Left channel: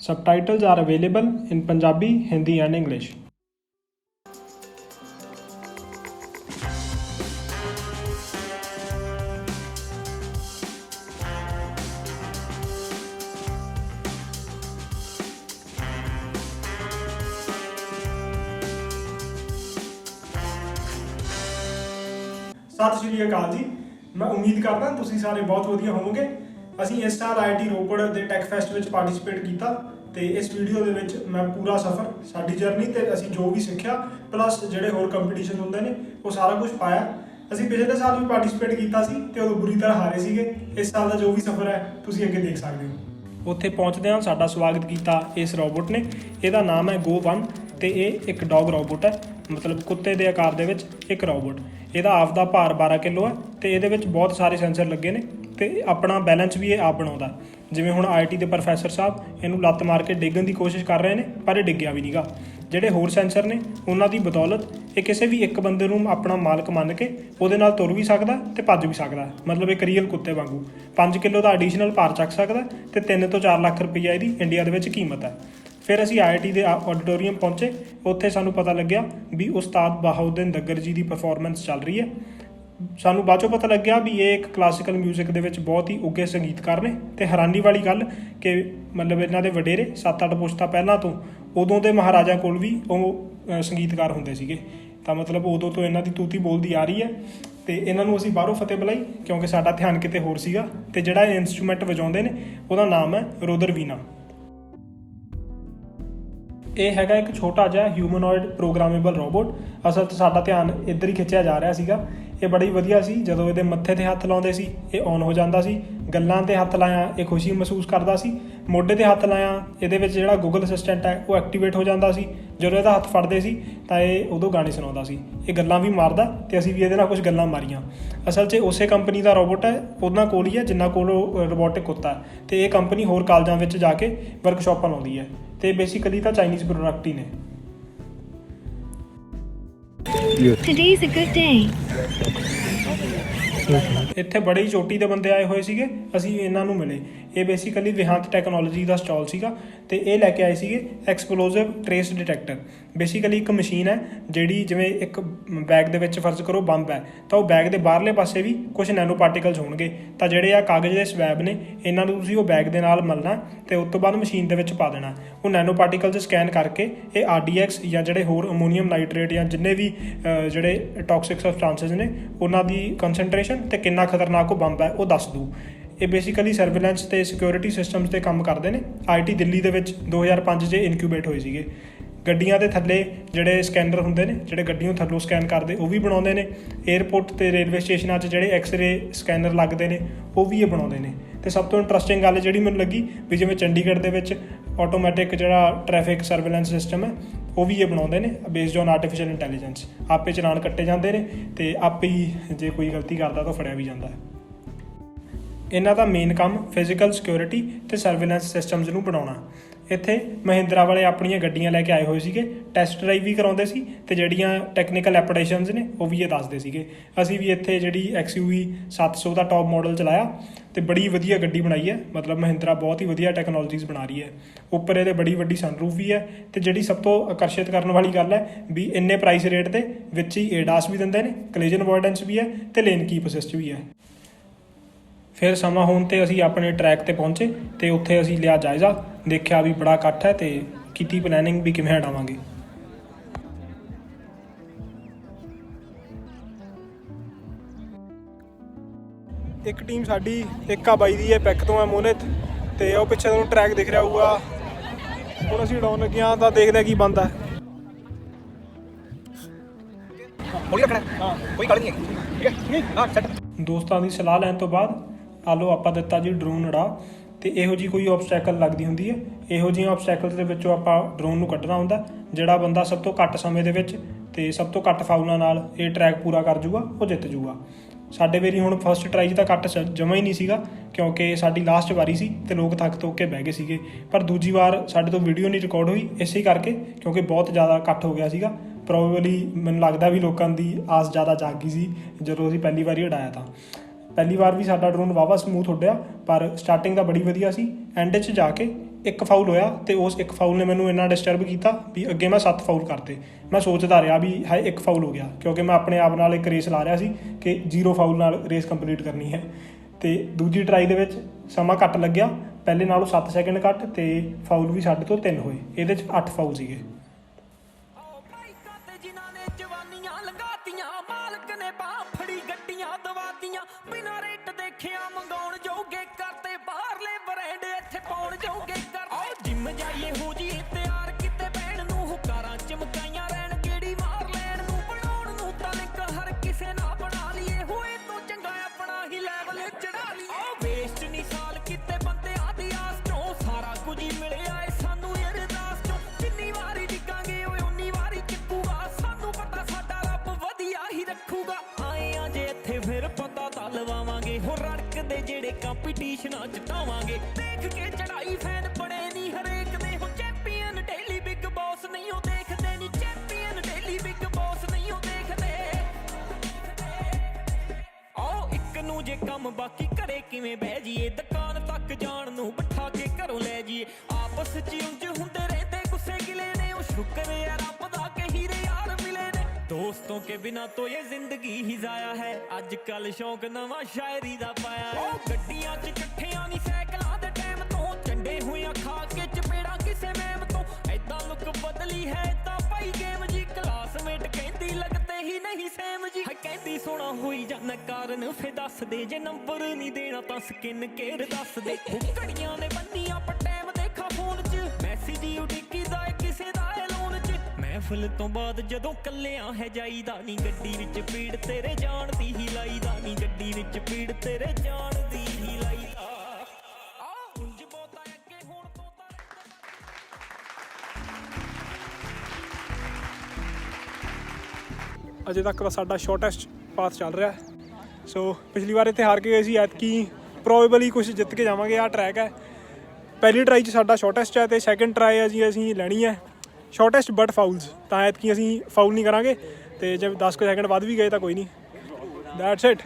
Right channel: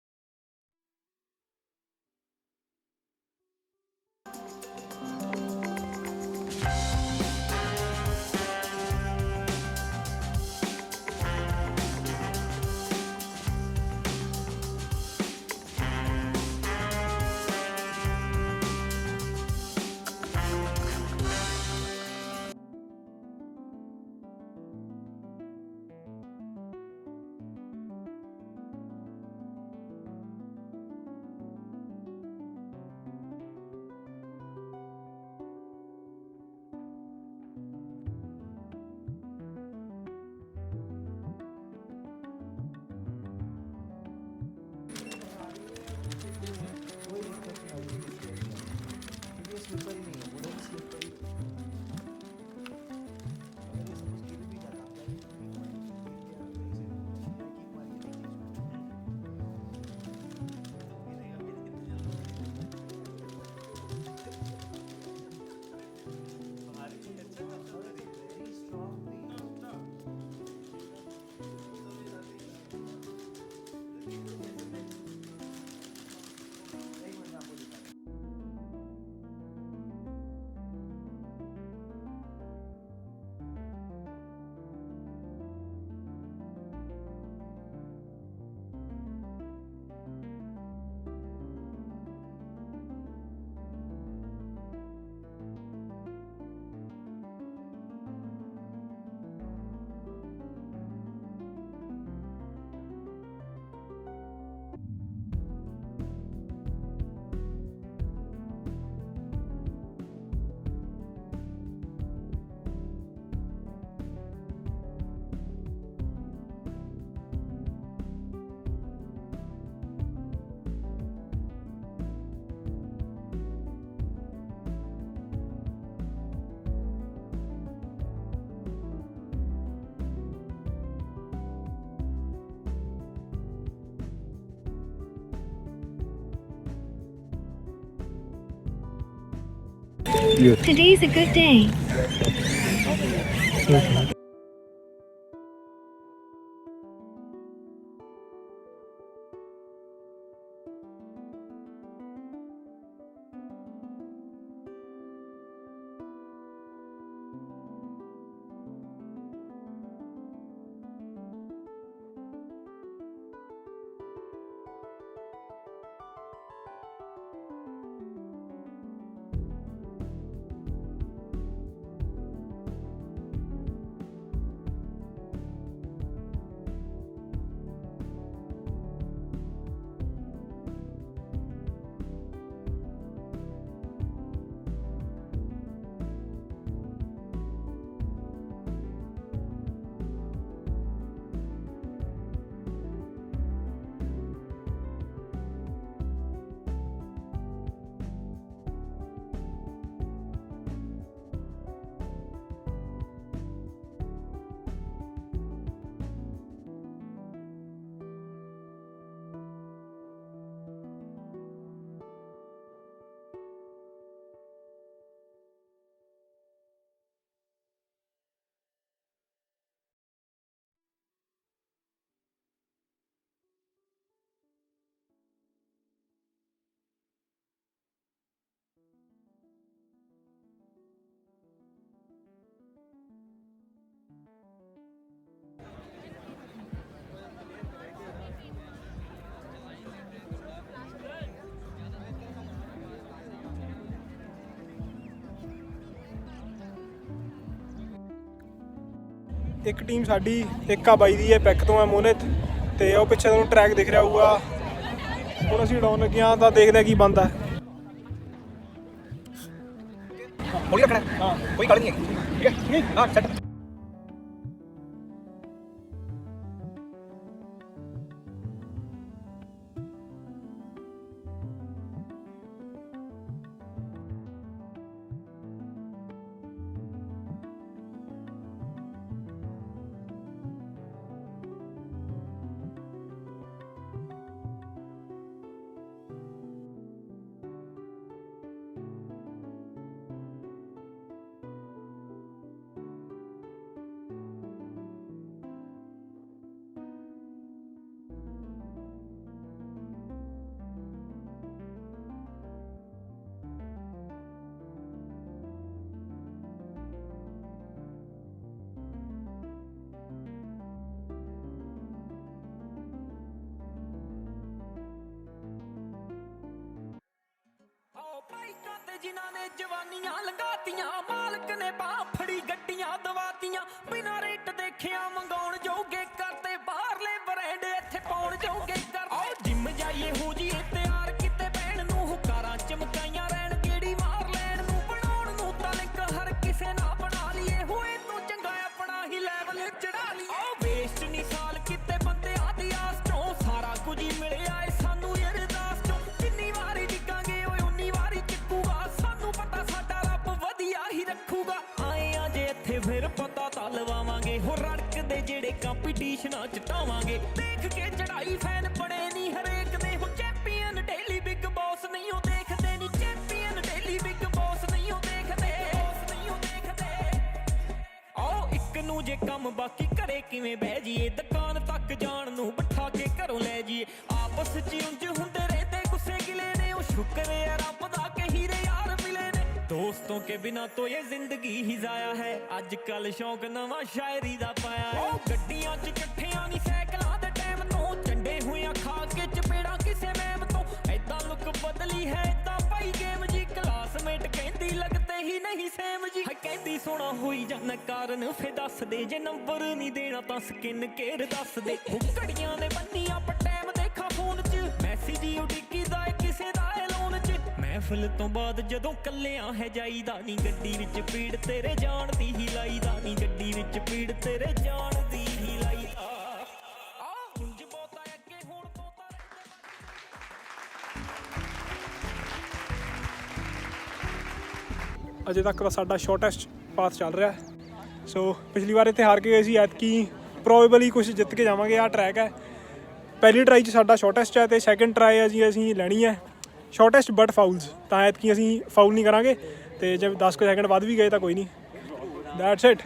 Subtitles are available in Punjabi, Hindi, and English. ਸਤਿ ਸ਼੍ਰੀ ਅਕਾਲ ਜੀ। ਮੈਂ ਉਮੀਦ ਕਰਦਾ ਤੁਸੀਂ ਸਾਰੇ ਬਹੁਤ ਵਧੀਆ ਹੋਵੋਗੇ। ਅਸੀਂ ਇਸ ਸਾਲ ਆਈਟੀ ਰੋਪੜ ਦੇ ਟੈਕ ਫੈਸਟ ਵਿੱਚ ਪਾਰਟਿਸਿਪੇਟ ਕੀਤਾ। ਤੇ ਇਸ ਵੀਡੀਓ ਦੇ ਵਿੱਚ ਮੈਂ ਪੂਰਾ ਸਫ਼ਰ, ਸਾਡੀ ਜਰਨੀ ਤੇ ਅਸੀਂ ਜੋ ਵੀ ਸਿੱਖਿਆ ਪਲੱਸ ਜਿਹੜੇ ਹੋਰ ਕੰਪੀਟੀਸ਼ਨ ਹੁੰਦੇ ਨੇ, ਉਹ ਸਾਰਾ ਕੁਝ ਪਾਇਆ। ਅਸੀਂ ਪਿਛਲੇ ਸਾਲ ਵੀ ਪਾਰਟਿਸਿਪੇਟ ਕੀਤਾ ਸੀ ਤੇ ਉਹ ਬੁਰੀ ਤਰ੍ਹਾਂ ਹਾਰੇ ਸੀਗੇ। ਇਸ ਸਾਲ ਦਾ ਜੋ ਵੀ ਸਫ਼ਰ ਹੈ, ਤੁਸੀਂ ਅੱਗੇ ਦੇਖ ਸਕਦੇ ਹੋ। ਉੱਥੇ ਪਹੁੰਚਦੇ ਹਾਂ ਸਾਡਾ ਸਵਾਗਤ ਕੀਤਾ ਇਸ ਰੋਬੋਟ ਨੇ। ਇਹਦਾ ਨਾਮ ਹੈ ਗੋਬੰਦ ਤੇ ਇਹ ਇੱਕ ਡੌਗ ਰੋਬੋਟ ਹੈ। ਮਤਲਬ ਕੁੱਤੇ ਦੇ ਆਕਾਰ ਦੇ ਵਿੱਚ ਇੱਕ ਰੋਬੋਟ ਇਹਦਾ ਆਪ ਦਾ ਭਾਰ 12 ਕਿਲੋ ਹੈ ਤੇ ਇਹਦੇ ਵਿੱਚ ਬਹੁਤ ਸਾਰੇ ਸੈਂਸਰ ਲੱਗੇ ਨੇ ਤੇ ਆਪਣਾ ਬੈਲੈਂਸ ਵੀ ਇਹ ਆਪ ਬਣਾਉਂਦਾ। ਜਿਵੇਂ ਹੁਣ ਆਈਟੀ ਦੇ ਪ੍ਰੋਫੈਸਰ ਸਾਹਿਬ ਇਹਨੂੰ ਲੱਤ ਮਾਰ ਕੇ ਡਿੱਗਣ ਦੀ ਕੋਸ਼ਿਸ਼ ਕਰ ਰਹੇ ਨੇ, ਪਰ ਇਹ ਡਿੱਗਿਆ ਵੀ ਨਹੀਂਗਾ ਜਿਹੜੇ ਹੋਰ ਸੈਂਸਰ ਨੇ, ਉਹਨਾਂ ਦੀ ਬਦੌਲਤ ਇਹ ਕਿਸੇ ਵੀ ਇੱਕ ਬੰਦੇ ਨੂੰ ਆਪਣਾ ਮਾਲਕ ਮੰਨ ਕੇ ਉਹਦੇ ਨਾਲ ਤੁਰ ਵੀ ਸਕਦਾ ਤੇ ਭੱਜ ਵੀ ਸਕਦਾ। ਮਤਲਬ ਇੱਕ ਰੀਅਲ ਕੁੱਤੇ ਵਾਂਗੂ। 5 ਕਿਲੋ ਦਾ ਐਡੀਸ਼ਨਲ ਭਾਰ ਚੱਕ ਸਕਦਾ ਤੇ 3 ਤੋਂ 4 ਲੱਖ ਰੁਪਈਆ ਇਹਦੀ ਇੰਡੀਆ ਦੇ ਵਿੱਚ ਕੀਮਤ ਹੈ। ਫਿਰ ਅਸੀਂ ਆਈਆਈਟੀ ਦੇ ਆਡੀਟੋਰੀਅਮ ਪਹੁੰਚੇ। ਉੱਥੇ ਸਾਨੂੰ ਪਤਾ ਲੱਗਿਆ ਵੀ ਉਸਤਾਦ ਬਹਾਉਦੀਨ ਦੱਗਰ ਜੀ ਦੀ ਪਰਫਾਰਮੈਂਸ ਚੱਲ ਰਹੀ ਹੈ। ਸਾਨੂੰ ਬਾਅਦ ਚੋਂ ਪਤਾ ਲੱਗਿਆ ਵੀ ਇਹ ਇੱਕ ਕਲਾਸੀਕਲ 뮤직 ਦੇ ਵਿੱਚ ਬਹੁਤ ਹੀ ਉੱਗੇ ਸੰਗੀਤਕਾਰ ਨੇ ਤੇ ਹੈਰਾਨੀ ਵਾਲੀ ਗੱਲ ਕਿ ਮਤਲਬ ਇਹਨਾਂ ਦੇ ਵਡੇਰੇ 7-8 ਪੁਸ਼ਤਾ ਪਹਿਲਾਂ ਤੋਂ ਉਦੋਂ ਦੇ ਮਹਾਰਾਜਾ ਕੋਲ ਵੀ ਉਹ ਸੰਗੀਤਕਾਰ ਹੁੰਦੇ ਸੀਗੇ। ਤਾਂ ਮਤਲਬ ਉਦੋਂ ਤੋਂ ਇਹਨਾਂ ਦੀ ਤੂਤੀ ਬੋਲਦੀ ਆ ਰਹੀ ਹੈ ਤੇ ਇਹਨਾਂ ਨੂੰ ਅਸੀਂ ਬਾਹਰੋਂ ਫਤਿਹ ਬੁਲਾਈ ਕਿਉਂਕਿ ਸਾਡਾ ਧਿਆਨ ਕਿਤੇ ਹੋਰ ਸੀਗਾ ਤੇ ਜਿਹੜਾ ਇਹ ਇਨਸਟਰੂਮੈਂਟ ਵਜਾਉਂਦੇ ਨੇ, ਉਹਦਾ ਨਾਮ ਹੈ ਰੋਦਰ ਵੀਨਾ ਇਹ ਹੈਗਾ ਇੱਕ ਛੋਟਾ ਜਿਹਾ ਹਿਊਮਨੋਇਡ ਪ੍ਰੋਗਰਾਮੇਬਲ ਰੋਬੋਟ ਅਸਲ 'ਚ ਸਾਡਾ ਧਿਆਨ ਇੱਧਰ ਹੀ ਖਿੱਚਿਆ ਜਾ ਰਿਹਾ ਸੀਗਾ। ਇਹ ਬੜੀ ਵਧੀਆ ਸੀ, ਜਦੋਂ ਇਹਦੇ ਮੱਥੇ ਤੇ ਹੱਥ ਲਾਉਂਦੇ ਸੀ, ਇਹ ਔਨ ਹੋ ਜਾਂਦਾ ਸੀ, ਗੱਲਾਂ ਤੇ ਹੱਥ ਲਾਇਆ, ਇਹ ਖੁਸ਼ੀ ਮਹਿਸੂਸ ਕਰਦਾ ਸੀ, ਮੋਢੇ ਤੇ ਹੱਥ ਲਾਇਆ, ਇਹਦੇ ਵਿੱਚ ਜਿਹੜਾ ਗੂਗਲ ਅਸਿਸਟੈਂਟ ਹੈ, ਉਹ ਐਕਟੀਵੇਟ ਹੋ ਜਾਂਦਾ ਸੀ, ਜਦੋਂ ਇਹਦਾ ਹੱਥ ਫੜਦੇ ਸੀ, ਤਾਂ ਇਹ ਉਦੋਂ ਗਾਣੇ ਸੁਣਾਉਂਦਾ ਸੀ, ਇਹ ਗੱਲਾਂ ਵੀ ਮਾਰਦਾ ਤੇ ਅਸੀਂ ਵੀ ਇਹਦੇ ਨਾਲ ਕੁਝ ਗੱਲਾਂ ਮਾਰੀਆਂ। ਅਸਲ 'ਚ ਉਸੇ ਕੰਪਨੀ ਦਾ ਰੋਬੋਟ ਹੈ, ਉਹਨਾਂ ਕੋਲ ਹੀ ਹੈ, ਜਿੰਨਾ ਕੋਲ ਰੋਬੋਟਿਕ ਕੁੱਤਾ ਹੈ, ਤੇ ਇਹ ਕੰਪਨੀ ਹੋਰ ਕਾਲਜਾਂ ਵਿੱਚ ਜਾ ਕੇ ਵਰਕਸ਼ਾਪਾਂ ਲਾਉਂਦੀ ਹੈ, ਤੇ ਬੇਸਿਕਲੀ ਤਾਂ ਚਾਈਨੀਜ਼ ਪ੍ਰੋਡਕਟ ਹੀ ਨੇ। Today's a good day. ਇੱਥੇ ਬੜੇ ਹੀ ਚੋਟੀ ਦੇ ਬੰਦੇ ਆਏ ਹੋਏ ਸੀਗੇ ਅਸੀਂ ਇਹਨਾਂ ਨੂੰ ਮਿਲੇ। ਇਹ ਬੇਸਿਕਲੀ ਵਿਹਾਂਤ ਟੈਕਨੋਲੋਜੀ ਦਾ ਸਟਾਲ ਸੀਗਾ ਤੇ ਇਹ ਲੈ ਕੇ ਆਏ ਸੀਗੇ ਐਕਸਪਲੋਸਿਵ ਟ੍ਰੇਸ ਡਿਟੈਕਟਰ ਬੇਸਿਕਲੀ ਇੱਕ ਮਸ਼ੀਨ ਹੈ ਜਿਹੜੀ ਜਿਵੇਂ ਇੱਕ ਬੈਗ ਦੇ ਵਿੱਚ ਫਰਜ਼ ਕਰੋ ਬੰਬ ਹੈ ਤਾਂ ਉਹ ਬੈਗ ਦੇ ਬਾਹਰਲੇ ਪਾਸੇ ਵੀ ਕੁਝ ਨੈਨੋ ਪਾਰਟੀਕਲਸ ਹੋਣਗੇ। ਤਾਂ ਜਿਹੜੇ ਆ ਕਾਗਜ਼ ਦੇ ਸਵੈਬ ਨੇ ਇਹਨਾਂ ਨੂੰ ਤੁਸੀਂ ਉਹ ਬੈਗ ਦੇ ਨਾਲ ਮਲਣਾ ਤੇ ਉਸ ਤੋਂ ਬਾਅਦ ਮਸ਼ੀਨ ਦੇ ਵਿੱਚ ਪਾ ਦੇਣਾ। ਉਹ ਨੈਨੋ ਪਾਰਟੀਕਲਸ ਸਕੈਨ ਕਰਕੇ ਇਹ ਆਰਡੀਐਕਸ ਜਾਂ ਜਿਹੜੇ ਹੋਰ ਅਮੋਨੀਅਮ ਨਾਈਟ੍ਰੇਟ ਜਾਂ ਜਿੰਨੇ ਵੀ ਅਹ, ਜਿਹੜੇ ਟੌਕਸਿਕ ਸਬਸਟੈਂਸਸ ਨੇ ਉਹਨਾਂ ਦੀ ਕਨਸੈਂਟ੍ਰੇਸ਼ਨ ਤੇ ਕਿੰਨਾ ਖਤਰਨਾਕ ਉਹ ਬੰਬ ਹੈ ਉਹ ਦੱਸ ਦੂ ਇਹ ਬੇਸਿਕਲੀ ਸਰਵੇਲੈਂਸ ਤੇ ਸਿਕਿਉਰਿਟੀ ਸਿਸਟਮਸ ਤੇ ਕੰਮ ਕਰਦੇ ਨੇ। ਆਈਟੀ ਦਿੱਲੀ ਦੇ ਵਿੱਚ 2005 ਜੇ ਇਨਕਿਊਬੇਟ ਹੋਏ ਸੀਗੇ। ਗੱਡੀਆਂ ਦੇ ਥੱਲੇ ਜਿਹੜੇ ਸਕੈਨਰ ਹੁੰਦੇ ਨੇ, ਜਿਹੜੇ ਗੱਡੀਆਂ ਥੱਲੋਂ ਸਕੈਨ ਕਰਦੇ, ਉਹ ਵੀ ਬਣਾਉਂਦੇ ਨੇ। 에ਅਰਪੋਰਟ ਤੇ ਰੇਲਵੇ ਸਟੇਸ਼ਨਾਂ 'ਚ ਜਿਹੜੇ ਐਕਸ-ਰੇ ਸਕੈਨਰ ਲੱਗਦੇ ਨੇ, ਉਹ ਵੀ ਇਹ ਬਣਾਉਂਦੇ ਨੇ। ਤੇ ਸਭ ਤੋਂ ਇੰਟਰਸਟਿੰਗ ਗੱਲ ਜਿਹੜੀ ਮੈਨੂੰ ਲੱਗੀ ਵੀ ਜਿਵੇਂ ਚੰਡੀਗੜ੍ਹ ਦੇ ਵਿੱਚ ਆਟੋਮੈਟਿਕ ਜਿਹੜਾ ਟ੍ਰੈਫਿਕ ਸਰਵੇਲੈਂਸ ਸਿਸਟਮ ਹੈ, ਉਹ ਵੀ ਇਹ ਬਣਾਉਂਦੇ ਨੇ ਬੇਸਡ ਔਨ ਆਰਟੀਫੀਸ਼ੀਅਲ ਇੰਟੈਲੀਜੈਂਸ ਆਪੇ ਚਲਾਨ ਕੱਟੇ ਜਾਂਦੇ ਨੇ ਤੇ ਆਪੇ ਹੀ ਜੇ ਕੋਈ ਗਲਤੀ ਕਰਦਾ ਤਾਂ ਫੜਿਆ ਵੀ ਜਾਂਦਾ ਹੈ। ਇਹਨਾਂ ਦਾ ਮੇਨ ਕੰਮ ਫਿਜ਼ੀਕਲ ਸਿਕਿਉਰਿਟੀ ਤੇ ਸਰਵੇਲੈਂਸ ਸਿਸਟਮਸ ਨੂੰ ਬਣਾਉਣਾ। ਇੱਥੇ ਮਹਿੰਦਰਾ ਵਾਲੇ ਆਪਣੀਆਂ ਗੱਡੀਆਂ ਲੈ ਕੇ ਆਏ ਹੋਏ ਸੀਗੇ ਟੈਸਟ ਡਰਾਈਵ ਵੀ ਕਰਾਉਂਦੇ ਸੀ ਤੇ ਜਿਹੜੀਆਂ ਟੈਕਨੀਕਲ ਐਪਲੀਕੇਸ਼ਨਸ ਨੇ, ਉਹ ਵੀ ਇਹ ਦੱਸਦੇ ਸੀਗੇ। ਅਸੀਂ ਵੀ ਇੱਥੇ ਜਿਹੜੀ XUV 700 ਦਾ ਟੌਪ ਮਾਡਲ ਚਲਾਇਆ ਤੇ ਬੜੀ ਵਧੀਆ ਗੱਡੀ ਬਣਾਈ ਹੈ। ਮਤਲਬ ਮਹਿੰਦਰਾ ਬਹੁਤ ਹੀ ਵਧੀਆ ਟੈਕਨੋਲੋਜੀਜ਼ ਬਣਾ ਰਹੀ ਹੈ। ਉੱਪਰ ਇਹਦੇ ਬੜੀ ਵੱਡੀ ਸਨਰੂਫ ਵੀ ਹੈ ਤੇ ਜਿਹੜੀ ਸਭ ਤੋਂ ਆਕਰਸ਼ਿਤ ਕਰਨ ਵਾਲੀ ਗੱਲ ਹੈ ਵੀ ਇੰਨੇ ਪ੍ਰਾਈਸ ਰੇਟ ਦੇ ਵਿੱਚ ਹੀ ADAS ਵੀ ਦਿੰਦੇ ਨੇ ਕਲੀਜਨ ਅਵੋਇਡੈਂਸ ਵੀ ਹੈ ਤੇ ਲੇਨ ਕੀਪ ਅਸਿਸਟ ਵੀ ਹੈ। ਫਿਰ ਸਮਾਂ ਹੋਣ ਤੇ ਅਸੀਂ ਆਪਣੇ ਟਰੈਕ ਤੇ ਪਹੁੰਚੇ ਤੇ ਉੱਥੇ ਅਸੀਂ ਲਿਆ ਜਾਇਜ਼ਾ। ਦੇਖਿਆ ਵੀ ਬੜਾ ਇਕੱਠ ਹੈ ਤੇ ਕੀਤੀ ਪਲੈਨਿੰਗ ਵੀ ਕਿਵੇਂ ਹਟਾਵਾਂਗੇ। ਇੱਕ ਟੀਮ ਸਾਡੀ ਇੱਕ ਆ ਬਾਈ ਦੀ ਹੈ ਪੈਕ ਤੋਂ ਹੈ ਮੋਨਿਤ ਤੇ ਉਹ ਪਿੱਛੇ ਤੁਹਾਨੂੰ ਟਰੈਕ ਦਿਖ ਰਿਹਾ ਹੋਊਗਾ। ਹੁਣ ਅਸੀਂ ਉਡਾਉਣ ਲੱਗੇ ਹਾਂ ਤਾਂ ਦੇਖਦੇ ਹਾਂ ਕੀ ਹੌਲੀ ਰੱਖਣਾ। ਹਾਂ। ਕੋਈ ਗੱਲ ਨਹੀਂ ਹੈ। ਠੀਕ ਹੈ? ਠੀਕ ਹੈ ਹਾਂ ਸੈੱਟ ਦੋਸਤਾਂ ਦੀ ਸਲਾਹ ਲੈਣ ਤੋਂ ਬਾਅਦ ਆਲੋ ਆਪਾਂ ਦਿੱਤਾ ਜੀ ਡਰੋਨ ਉਡਾ ਤੇ ਇਹੋ ਜੀ ਕੋਈ ਆਬਸਟੈਕਲ ਲੱਗਦੀ ਹੁੰਦੀ ਹੈ। ਇਹੋ ਜਿਹੀਆਂ ਆਬਸਟੈਕਲਸ ਦੇ ਵਿੱਚੋਂ ਆਪਾਂ ਡਰੋਨ ਨੂੰ ਕੱਢਣਾ ਹੁੰਦਾ, ਜਿਹੜਾ ਬੰਦਾ ਸਭ ਤੋਂ ਘੱਟ ਸਮੇਂ ਦੇ ਵਿੱਚ ਤੇ ਸਭ ਤੋਂ ਘੱਟ ਫਾਉਲਾਂ ਨਾਲ ਇਹ ਟਰੈਕ ਪੂਰਾ ਕਰ ਜੂਗਾ, ਉਹ ਜਿੱਤ ਜੂਗਾ। ਸਾਡੇ ਵੇਰੀ ਹੁਣ ਫਸਟ ਟਰਾਈ 'ਚ ਤਾਂ ਕੱਟ ਜਮਾ ਹੀ ਨਹੀਂ ਸੀਗਾ, ਕਿਉਂਕਿ ਸਾਡੀ ਲਾਸਟ ਵਾਰੀ ਸੀ ਤੇ ਲੋਕ ਥੱਕ ਤੋਕ ਕੇ ਬਹਿ ਗਏ ਸੀਗੇ। ਪਰ ਦੂਜੀ ਵਾਰ ਸਾਡੇ ਤੋਂ ਵੀਡੀਓ ਨਹੀਂ ਰਿਕਾਰਡ ਹੋਈ, ਇਸੇ ਕਰਕੇ ਕਿਉਂਕਿ ਬਹੁਤ ਜ਼ਿਆਦਾ ਕੱਟ ਹੋ ਗਿਆ ਸੀਗਾ। ਪ੍ਰੋਬੇਬਲੀ ਮੈਨੂੰ ਲੱਗਦਾ ਵੀ ਲੋਕਾਂ ਦੀ ਆਸ ਜ਼ਿਆਦਾ ਜਾਗ ਗਈ ਸੀ, ਜਦੋਂ ਅਸੀਂ ਪਹਿਲੀ ਵਾਰੀ ਉਡਾਇਆ ਤਾਂ। ਪਹਿਲੀ ਵਾਰ ਵੀ ਸਾਡਾ ਡਰੋਨ ਵਾਵਾ ਸਮੂਥ ਉੱਡਿਆ, ਪਰ ਸਟਾਰਟਿੰਗ ਦਾ ਬੜੀ ਵਧੀਆ ਸੀ। ਐਂਡ 'ਚ ਜਾ ਕੇ ਇੱਕ ਫਾਉਲ ਹੋਇਆ ਤੇ ਉਸ ਇੱਕ ਫਾਉਲ ਨੇ ਮੈਨੂੰ ਇੰਨਾ ਡਿਸਟਰਬ ਕੀਤਾ ਵੀ ਅੱਗੇ ਮੈਂ ਸੱਤ ਫਾਉਲ ਕਰਤੇ। ਮੈਂ ਸੋਚਦਾ ਰਿਹਾ ਵੀ ਹਾਏ, ਇੱਕ ਫਾਉਲ ਹੋ ਗਿਆ, ਕਿਉਂਕਿ ਮੈਂ ਆਪਣੇ ਆਪ ਨਾਲ ਇੱਕ ਰੇਸ ਲਾ ਰਿਹਾ ਸੀ ਕਿ ਜ਼ੀਰੋ ਫਾਉਲ ਨਾਲ ਰੇਸ ਕੰਪਲੀਟ ਕਰਨੀ ਹੈ। ਤੇ ਦੂਜੀ ਟਰਾਈ ਦੇ ਵਿੱਚ ਸਮਾਂ ਘੱਟ ਲੱਗਿਆ, ਪਹਿਲੇ ਨਾਲੋਂ 7 ਸੈਕਿੰਡ ਘੱਟ ਤੇ ਫਾਉਲ ਵੀ ਸਾਡੇ ਤੋਂ 3 ਹੋਏ। ਇਹਦੇ ਚ 8 ਫਾਉਲ ਸੀਗੇ। ਓ ਬਾਈਕਾਂ ਤੇ ਜਿਨ੍ਹਾਂ ਨੇ ਜਵਾਨੀਆਂ ਲੰਘਾਤੀਆਂ, ਮਾਲਕ ਨੇ ਬਾਹ ਫੜੀ ਗੱਡੀਆਂ ਰੇਟ ਦੇਖਿਆ ਮੰਗਾਉਣ ਪਤਾ ਤਾਂ ਲਵਾਵਾਂਗੇ ਹੋ ਰੜਕਦੇ ਜਿਹੜੇ ਕੰਪੀਟੀਸ਼ਨਾਂ ਚ ਦੇਖ ਕੇ ਚੜਾਈ ਫੈਨ ਬਣੇ ਨਹੀਂ ਹਰੇਕ ਦੇ। ਹੋ ਚੈਂਪੀਅਨ ਡੇਲੀ ਬਿਗ ਬੌਸ ਨਹੀਂ, ਉਹ ਦੇਖਦੇ ਨਹੀਂ ਚੈਂਪੀਅਨ ਡੇਲੀ ਬਿਗ ਬੌਸ ਨਹੀਂ, ਉਹ ਦੇਖਦੇ। ਆਓ ਇੱਕ ਨੂੰ ਜੇ ਕੰਮ ਬਾਕੀ ਘਰੇ ਕਿਵੇਂ ਬਹਿ ਜੀਏ ਦੁਕਾਨ ਤੱਕ ਜਾਣ ਨੂੰ ਬਿਠਾ ਕੇ ਘਰੋਂ ਲੈ ਜੀਏ ਆਪਸ ਚ ਉਂਝ ਹੁੰਦੇ ਰਹਿੰਦੇ, ਗੁੱਸੇ ਗਿਲੇ ਨੇ। ਉਹ ਸ਼ੁਕਰ ਹੈ, ਰੱਬ ਦਾ ਕਿ ਹੀਰੇ ਯਾਰ ਮਿਲੇ ਨੇ। ਦੋਸਤੋਂ ਕੇ ਬਿਨਾ तो ये जिंदगी ही जाया है ਅੱਜ ਕੱਲ ਸ਼ੌਂਕ ਨਵਾਂ ਸ਼ਾਇਰੀ ਦਾ ਪਾਇਆ ਹੈ ਉਹ ਗੱਡੀਆਂ ਚ ਇਕੱਠਿਆਂ ਨਹੀਂ ਸਾਈਕਲਾਂ ਦੇ ਟਾਈਮ ਤੋਂ ਚੰਡੇ ਹੋਇਆਂ ਖਾ ਕੇ ਚਪੇੜਾਂ ਕਿਸੇ ਮੈਮ ਤੋਂ ਐਦਾਂ ਲੁੱਕ ਬਦਲੀ ਹੈ ਏਦਾਂ ਭਾਈ ਗੇਮ ਜੀ ਕਲਾਸਮੇਟ ਕਹਿੰਦੀ ਲੱਗਦੇ ਹੀ ਨਹੀਂ ਸੇਮ ਜੀ ਹੈ ਕਹਿੰਦੀ ਸੋਣਾ ਹੋਈ ਜਾਣਾ ਕਾਰਨ ਫੇ ਦੱਸ ਦੇ ਜੇ ਨੰਬਰ ਨਹੀਂ ਦੇਣਾ ਤਾਂ ਸਕਿਨ ਕੇਅਰ ਦੱਸ ਦੇ ਉਹ ਘੜੀਆਂ ਨੇ ਬੰਨੀਆਂ ਪਰ ਟਾਈਮ ਦੇਖਾ ਫੋਨ 'ਚ ਮੈਸੇਜ ਹੀ ਉਡੀਕੀ ਦਾ ਏ ਕਿਸੇ ਦਾ ਏ ਲੋਨ 'ਚ ਮਹਿਫਿਲ ਤੋਂ ਬਾਅਦ ਜਦੋਂ ਕੱਲਿਆਂ ਹੈ ਜਾਈਦਾ ਨਹੀਂ ਗੱਡੀ ਵਿੱਚ ਪੀੜ ਤੇਰੇ ਜਾਣ ਦੀ ਹੀ ਲਾਈਦਾ ਨਹੀਂ ਗੱਡੀ ਵਿੱਚ ਪੀੜ ਤੇਰੇ ਜਾਣ ਦੀ ਹੀ ਲਾਈਦਾ। ਆ ਉਂਝ ਬਹੁਤਾ ਅੱਗੇ ਹੁਣ ਤੋਂ ਤਾਂ ਰਹਿੰਦੇ ਅਜੇ ਤੱਕ ਦਾ ਸਾਡਾ ਸ਼ਾਰਟੈਸਟ ਪਾਥ ਚੱਲ ਰਿਹਾ ਹੈ। ਸੋ ਪਿਛਲੀ ਵਾਰ ਇੱਥੇ ਹਾਰ ਕੇ ਗਏ ਸੀ, ਐਤਕੀ ਪ੍ਰੋਬੇਬਲੀ ਕੁਝ ਜਿੱਤ ਕੇ ਜਾਵਾਂਗੇ ਆ ਟਰੈਕ ਹੈ। ਪਹਿਲੀ ਟਰਾਈ 'ਚ ਸਾਡਾ ਸ਼ਾਰਟੈਸਟ ਹੈ ਤੇ ਸੈਕੰਡ ਟਰਾਈ ਹੈ ਜੀ ਅਸੀਂ ਲੈਣੀ ਹੈ। ਸ਼ਾਰਟੈਸਟ ਬਟ ਫਾਉਲਸ ਤਾਂ ਐਤਕੀ ਅਸੀਂ ਫਾਉਲ ਨਹੀਂ ਕਰਾਂਗੇ ਤੇ ਜੇ 10 ਕੁ ਸੈਕਿੰਡ ਵੱਧ ਵੀ ਗਏ ਤਾਂ ਕੋਈ ਨਹੀਂ। ਦੈਟਸ ਇਟ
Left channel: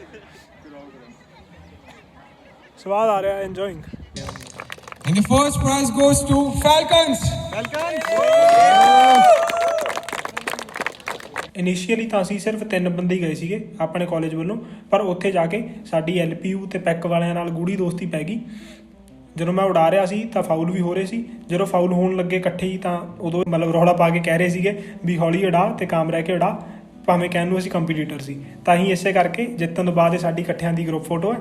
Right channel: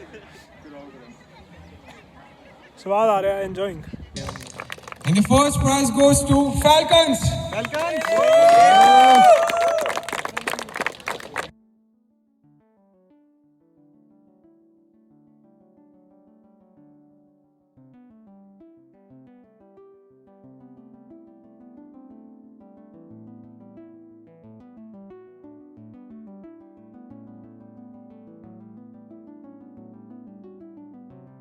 ਸਵਾਦ ਆ ਰਿਹਾ enjoying And the first prize goes to Falcons. Initially ਤਾਂ ਅਸੀਂ ਸਿਰਫ ਤਿੰਨ ਬੰਦੇ ਹੀ ਗਏ ਸੀਗੇ ਆਪਣੇ ਕਾਲਜ ਵੱਲੋਂ ਪਰ ਉੱਥੇ ਜਾ ਕੇ ਸਾਡੀ ਐਲਪੀਯੂ ਤੇ ਪੈਕ ਵਾਲਿਆਂ ਨਾਲ ਗੂੜੀ ਦੋਸਤੀ ਪੈ ਗਈ। ਜਦੋਂ ਮੈਂ ਉਡਾ ਰਿਹਾ ਸੀ ਤਾਂ ਫਾਉਲ ਵੀ ਹੋ ਰਹੇ ਸੀ। ਜਦੋਂ ਫਾਉਲ ਹੋਣ ਲੱਗੇ ਇਕੱਠੇ ਹੀ ਤਾਂ ਉਦੋਂ ਮਤਲਬ ਰੌਲਾ ਪਾ ਕੇ ਕਹਿ ਰਹੇ ਸੀਗੇ ਵੀ ਹੌਲੀ ਉਡਾ ਤੇ ਕਾਮ ਰਹਿ ਕੇ ਉਡਾ, ਭਾਵੇਂ ਕਹਿਣ ਨੂੰ ਅਸੀਂ ਕੰਪੀਟੀਟਰ ਸੀ। ਤਾਂ ਹੀ ਇਸੇ ਕਰਕੇ ਜਿੱਤਣ ਤੋਂ ਬਾਅਦ ਇਹ ਸਾਡੀ ਇਕੱਠਿਆਂ ਦੀ ਗਰੁੱਪ ਫੋਟੋ ਹੈ।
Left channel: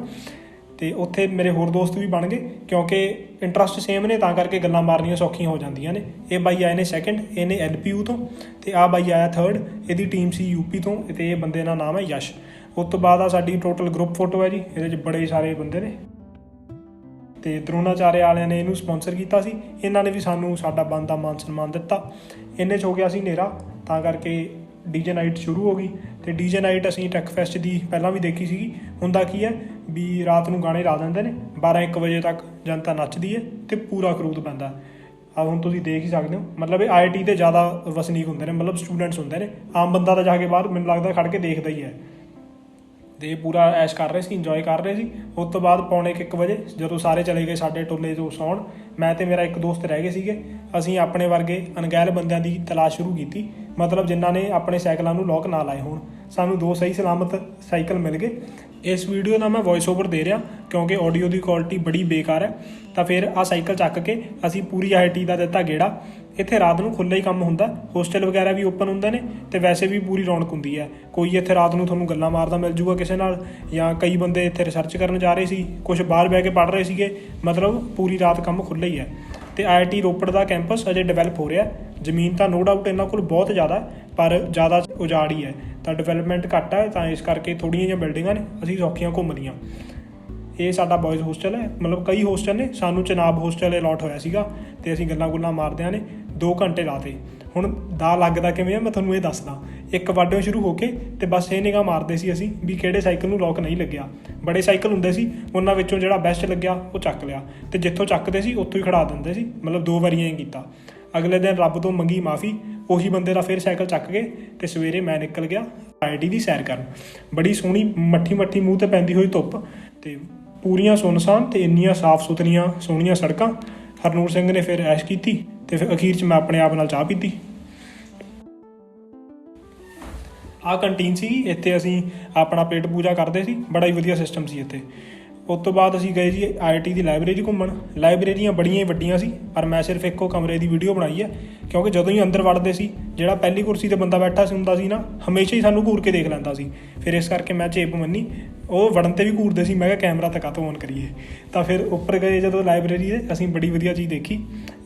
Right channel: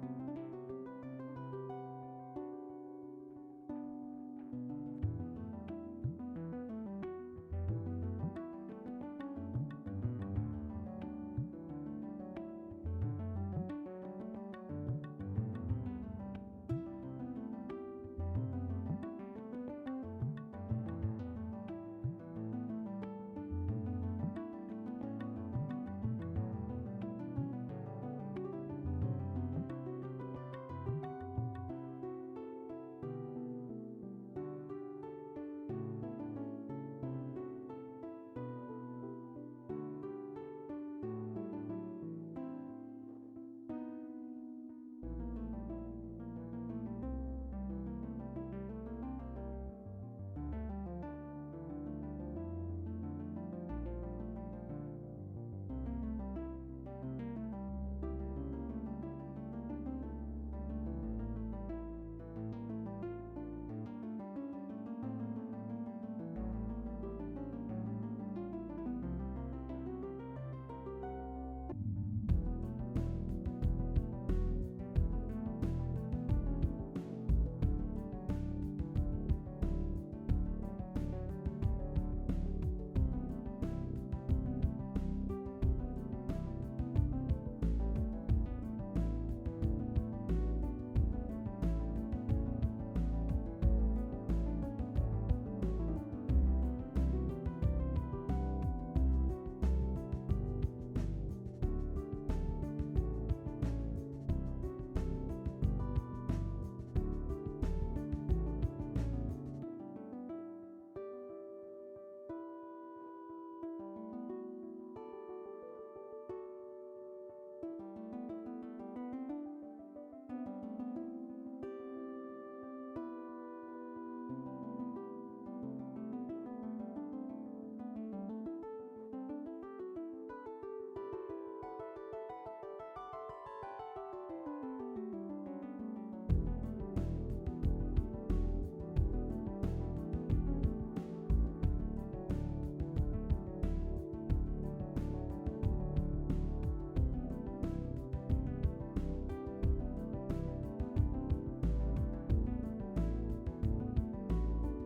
ਤੇ ਉੱਥੇ ਮੇਰੇ ਹੋਰ ਦੋਸਤ ਵੀ ਬਣ ਗਏ, ਕਿਉਂਕਿ ਇੰਟਰਸਟ ਸੇਮ ਨੇ, ਤਾਂ ਕਰਕੇ ਗੱਲਾਂ ਮਾਰਨੀਆਂ ਸੌਖੀਆਂ ਹੋ ਜਾਂਦੀਆਂ ਨੇ। ਇਹ ਬਾਈ ਆਏ ਨੇ ਸੈਕੰਡ ਇਹਨੇ ਐਲਪੀਯੂ ਤੋਂ, ਤੇ ਆ ਬਾਈ ਆਇਆ ਥਰਡ ਇਹਦੀ ਟੀਮ ਸੀ ਯੂਪੀ ਤੋਂ, ਤੇ ਇਹ ਬੰਦੇ ਦਾ ਨਾਮ ਹੈ ਯਸ਼। ਉਸ ਤੋਂ ਬਾਅਦ ਆ ਸਾਡੀ ਟੋਟਲ ਗਰੁੱਪ ਫੋਟੋ ਹੈ ਜੀ, ਇਹਦੇ ਵਿੱਚ ਬੜੇ ਸਾਰੇ ਬੰਦੇ ਨੇ। ਤੇ ਦਰੋਣਾਚਾਰਿਆ ਵਾਲਿਆਂ ਨੇ ਇਹਨੂੰ ਸਪਾਂਸਰ ਕੀਤਾ ਸੀ। ਇਹਨਾਂ ਨੇ ਵੀ ਸਾਨੂੰ ਸਾਡਾ ਬਣਦਾ ਮਾਨ ਸਨਮਾਨ ਦਿੱਤਾ। ਇੰਨੇ 'ਚ ਹੋ ਗਿਆ ਸੀ ਹਨੇਰਾ, ਤਾਂ ਕਰਕੇ ਡੀਜੇ ਨਾਈਟ ਸ਼ੁਰੂ ਹੋ ਗਈ ਤੇ ਡੀਜੇ ਨਾਈਟ ਅਸੀਂ ਟੈਕ ਫੈਸਟ ਦੀ ਪਹਿਲਾਂ ਵੀ ਦੇਖੀ ਸੀਗੀ। ਹੁੰਦਾ ਕੀ ਹੈ ਵੀ ਰਾਤ ਨੂੰ ਗਾਣੇ ਲਾ ਦਿੰਦੇ ਨੇ 12-1 ਵਜੇ ਤੱਕ ਜਨਤਾ ਨੱਚਦੀ ਹੈ ਤੇ ਪੂਰਾ ਕਰੂਦ ਪੈਂਦਾ। ਆ ਹੁਣ ਤੁਸੀਂ ਦੇਖ ਹੀ ਸਕਦੇ ਹੋ, ਮਤਲਬ ਇਹ ਆਈਟੀ ਤੇ ਜ਼ਿਆਦਾ ਵਸਨੀਕ ਹੁੰਦੇ ਨੇ, ਮਤਲਬ ਸਟੂਡੈਂਟਸ ਹੁੰਦੇ ਨੇ। ਆਮ ਬੰਦਾ ਤਾਂ ਜਾ ਕੇ ਬਾਹਰ, ਮੈਨੂੰ ਲੱਗਦਾ ਖੜ ਕੇ ਦੇਖਦਾ ਹੀ ਹੈ। ਤੇ ਪੂਰਾ ਐਸ਼ ਕਰ ਰਹੇ ਸੀ ਇੰਜੋਏ ਕਰ ਰਹੇ ਸੀ। ਉਸ ਤੋਂ ਬਾਅਦ ਪੌਣੇ 1 ਵਜੇ ਜਦੋਂ ਸਾਰੇ ਚਲੇ ਗਏ ਸਾਡੇ ਟੋਲੇ ਤੋਂ ਸੌਣ, ਮੈਂ ਤੇ ਮੇਰਾ ਇੱਕ ਦੋਸਤ ਰਹਿ ਗਏ ਸੀਗੇ। ਅਸੀਂ ਆਪਣੇ ਵਰਗੇ ਅਣਗਹਿਲ ਬੰਦਿਆਂ ਦੀ ਤਲਾਸ਼ ਸ਼ੁਰੂ ਕੀਤੀ। ਮਤਲਬ ਜਿਨ੍ਹਾਂ ਨੇ ਆਪਣੇ ਸਾਈਕਲਾਂ ਨੂੰ ਲੋਕ ਨਾ ਲਾਏ ਹੋਣ। ਸਾਨੂੰ ਦੋ ਸਹੀ ਸਲਾਮਤ ਸਾਈਕਲ ਮਿਲ ਗਏ। ਇਸ ਵੀਡੀਓ ਦਾ ਮੈਂ ਵੌਇਸ ਓਵਰ ਦੇ ਰਿਹਾ ਕਿਉਂਕਿ ਆਡੀਓ ਦੀ ਕੁਆਲਿਟੀ ਬੜੀ ਬੇਕਾਰ ਹੈ। ਤਾਂ ਫਿਰ ਆ ਸਾਈਕਲ ਚੱਕ ਕੇ ਅਸੀਂ ਪੂਰੀ ਆਈਟੀ ਦਾ ਦਿੱਤਾ ਗੇੜਾ। ਇੱਥੇ ਰਾਤ ਨੂੰ ਖੁੱਲ੍ਹਾ ਹੀ ਕੰਮ ਹੁੰਦਾ। ਹੋਸਟਲ ਵਗੈਰਾ ਵੀ ਓਪਨ ਹੁੰਦੇ ਨੇ ਤੇ ਵੈਸੇ ਵੀ ਪੂਰੀ ਰੌਣਕ ਹੁੰਦੀ ਹੈ। ਕੋਈ ਇੱਥੇ ਰਾਤ ਨੂੰ ਤੁਹਾਨੂੰ ਗੱਲਾਂ ਮਾਰਦਾ ਮਿਲ ਜੂਗਾ ਕਿਸੇ ਨਾਲ ਜਾਂ ਕਈ ਬੰਦੇ ਇੱਥੇ ਰਿਸਰਚ ਕਰਨ ਜਾ ਰਹੇ ਸੀ ਕੁਝ ਬਾਹਰ ਬਹਿ ਕੇ ਪੜ੍ਹ ਰਹੇ ਸੀਗੇ, ਮਤਲਬ ਪੂਰੀ ਰਾਤ ਕੰਮ ਖੁੱਲ੍ਹਾ ਹੀ ਹੈ। ਤੇ ਆਈਆਈਟੀ ਰੋਪੜ ਦਾ ਕੈਂਪਸ ਅਜੇ ਡਿਵੈਲਪ ਹੋ ਰਿਹਾ। ਜ਼ਮੀਨ ਤਾਂ ਨੋ ਡਾਊਟ ਇਹਨਾਂ ਕੋਲ ਬਹੁਤ ਜ਼ਿਆਦਾ, ਪਰ ਜ਼ਿਆਦਾ ਉਜਾੜ ਹੀ ਹੈ। ਤਾਂ ਡਿਵੈਲਪਮੈਂਟ ਘੱਟ ਹੈ, ਤਾਂ ਇਸ ਕਰਕੇ ਥੋੜੀਆਂ ਜਿਹੀਆਂ ਬਿਲਡਿੰਗਾਂ ਨੇ, ਅਸੀਂ ਸੌਖੀਆਂ ਘੁੰਮਦੀਆਂ ਇਹ ਸਾਡਾ ਬॉयਜ਼ ਹੋਸਟਲ ਹੈ। ਮਤਲਬ ਕਈ ਹੋਸਟਲ ਨੇ, ਸਾਨੂੰ ਚਨਾਬ ਹੋਸਟਲ ਅਲਾਟ ਹੋਇਆ ਸੀਗਾ ਤੇ ਅਸੀਂ ਗੱਲਾਂ ਗੁੱਲਾਂ ਮਾਰਦਿਆਂ ਨੇ 2 ਘੰਟੇ ਲਾਤੇ ਹੁਣ ਦਾ ਲੱਗਦਾ ਕਿਵੇਂ ਆ, ਮੈਂ ਤੁਹਾਨੂੰ ਇਹ ਦੱਸਦਾ। ਇੱਕ ਵਾਢਿਓ ਸ਼ੁਰੂ ਹੋ ਕੇ ਤੇ ਬਸ ਇਹ ਨਿਗਾਹ ਮਾਰਦੇ ਸੀ ਅਸੀਂ ਵੀ ਕਿਹੜੇ ਸਾਈਕਲ ਨੂੰ ਲੋਕ ਨਹੀਂ ਲੱਗਿਆ। ਬੜੇ ਸਾਈਕਲ ਹੁੰਦੇ ਸੀ, ਉਹਨਾਂ ਵਿੱਚੋਂ ਜਿਹੜਾ ਬੈਸਟ ਲੱਗਿਆ, ਉਹ ਚੱਕ ਲਿਆ। ਤੇ ਜਿੱਥੋਂ ਚੱਕਦੇ ਸੀ, ਉੱਥੋਂ ਹੀ ਖੜਾ ਦਿੰਦੇ ਸੀ। ਮਤਲਬ ਦੋ ਵਾਰੀਆਂ ਹੀ ਕੀਤਾ। ਅਗਲੇ ਦਿਨ ਰੱਬ ਤੋਂ ਮੰਗੀ ਮਾਫੀ, ਉਹੀ ਬੰਦੇ ਦਾ ਫਿਰ ਸਾਈਕਲ ਚੱਕ ਗਏ ਤੇ ਸਵੇਰੇ ਮੈਂ ਨਿਕਲ ਗਿਆ ਆਈਡੀ ਦੀ ਸੈਰ ਕਰਨ। ਬੜੀ ਸੋਹਣੀ ਮੱਠੀ ਮੱਠੀ ਮੂੰਹ ਤੇ ਪੈਂਦੀ ਹੋਈ ਧੁੱਪ ਤੇ ਪੂਰੀਆਂ ਸੁੰਨਸਾਨ ਤੇ ਇੰਨੀਆਂ ਸਾਫ਼ ਸੁਥਰੀਆਂ ਸੋਹਣੀਆਂ ਸੜਕਾਂ ਹਰਨੂਰ ਸਿੰਘ ਨੇ ਫਿਰ ਐਸ਼ ਕੀਤੀ ਤੇ ਫਿਰ ਅਖੀਰ 'ਚ ਮੈਂ ਆਪਣੇ ਆਪ ਨਾਲ ਚਾਹ ਪੀਤੀ। ਆਹ ਕੰਟੀਨ ਸੀ ਇੱਥੇ ਅਸੀਂ ਆਪਣਾ ਪੇਟ ਪੂਜਾ ਕਰਦੇ ਸੀ, ਬੜਾ ਹੀ ਵਧੀਆ ਸਿਸਟਮ ਸੀ ਇੱਥੇ। ਉਸ ਤੋਂ ਬਾਅਦ ਅਸੀਂ ਗਏ ਜੀ ਆਈਆਈਟੀ ਦੀ ਲਾਇਬ੍ਰੇਰੀ ਘੁੰਮਣ। ਲਾਇਬ੍ਰੇਰੀਆਂ ਬੜੀਆਂ ਹੀ ਵੱਡੀਆਂ ਸੀ, ਪਰ ਮੈਂ ਸਿਰਫ ਇੱਕੋ ਕਮਰੇ ਦੀ ਵੀਡੀਓ ਬਣਾਈ ਹੈ, ਕਿਉਂਕਿ ਜਦੋਂ ਹੀ ਅੰਦਰ ਵੜਦੇ ਸੀ, ਜਿਹੜਾ ਪਹਿਲੀ ਕੁਰਸੀ ਤੇ ਬੰਦਾ ਬੈਠਾ ਸੀ ਹੁੰਦਾ ਸੀ ਨਾ, ਹਮੇਸ਼ਾ ਹੀ ਸਾਨੂੰ ਘੂਰ ਕੇ ਦੇਖ ਲੈਂਦਾ ਸੀ। ਫਿਰ ਇਸ ਕਰਕੇ ਮੈਂ ਚੇਪ ਮੰਨੀ ਉਹ ਵੜਨ ਤੇ ਵੀ ਘੂਰਦੇ ਸੀ, ਮੈਂ ਕਿਹਾ ਕੈਮਰਾ ਤਾਂ ਕਾਹਤੋਂ ਔਨ ਕਰੀਏ। ਤਾਂ ਫਿਰ ਉੱਪਰ ਗਏ ਜਦੋਂ ਲਾਇਬ੍ਰੇਰੀ ਦੇ, ਅਸੀਂ ਬੜੀ ਵਧੀਆ ਚੀਜ਼ ਦੇਖੀ,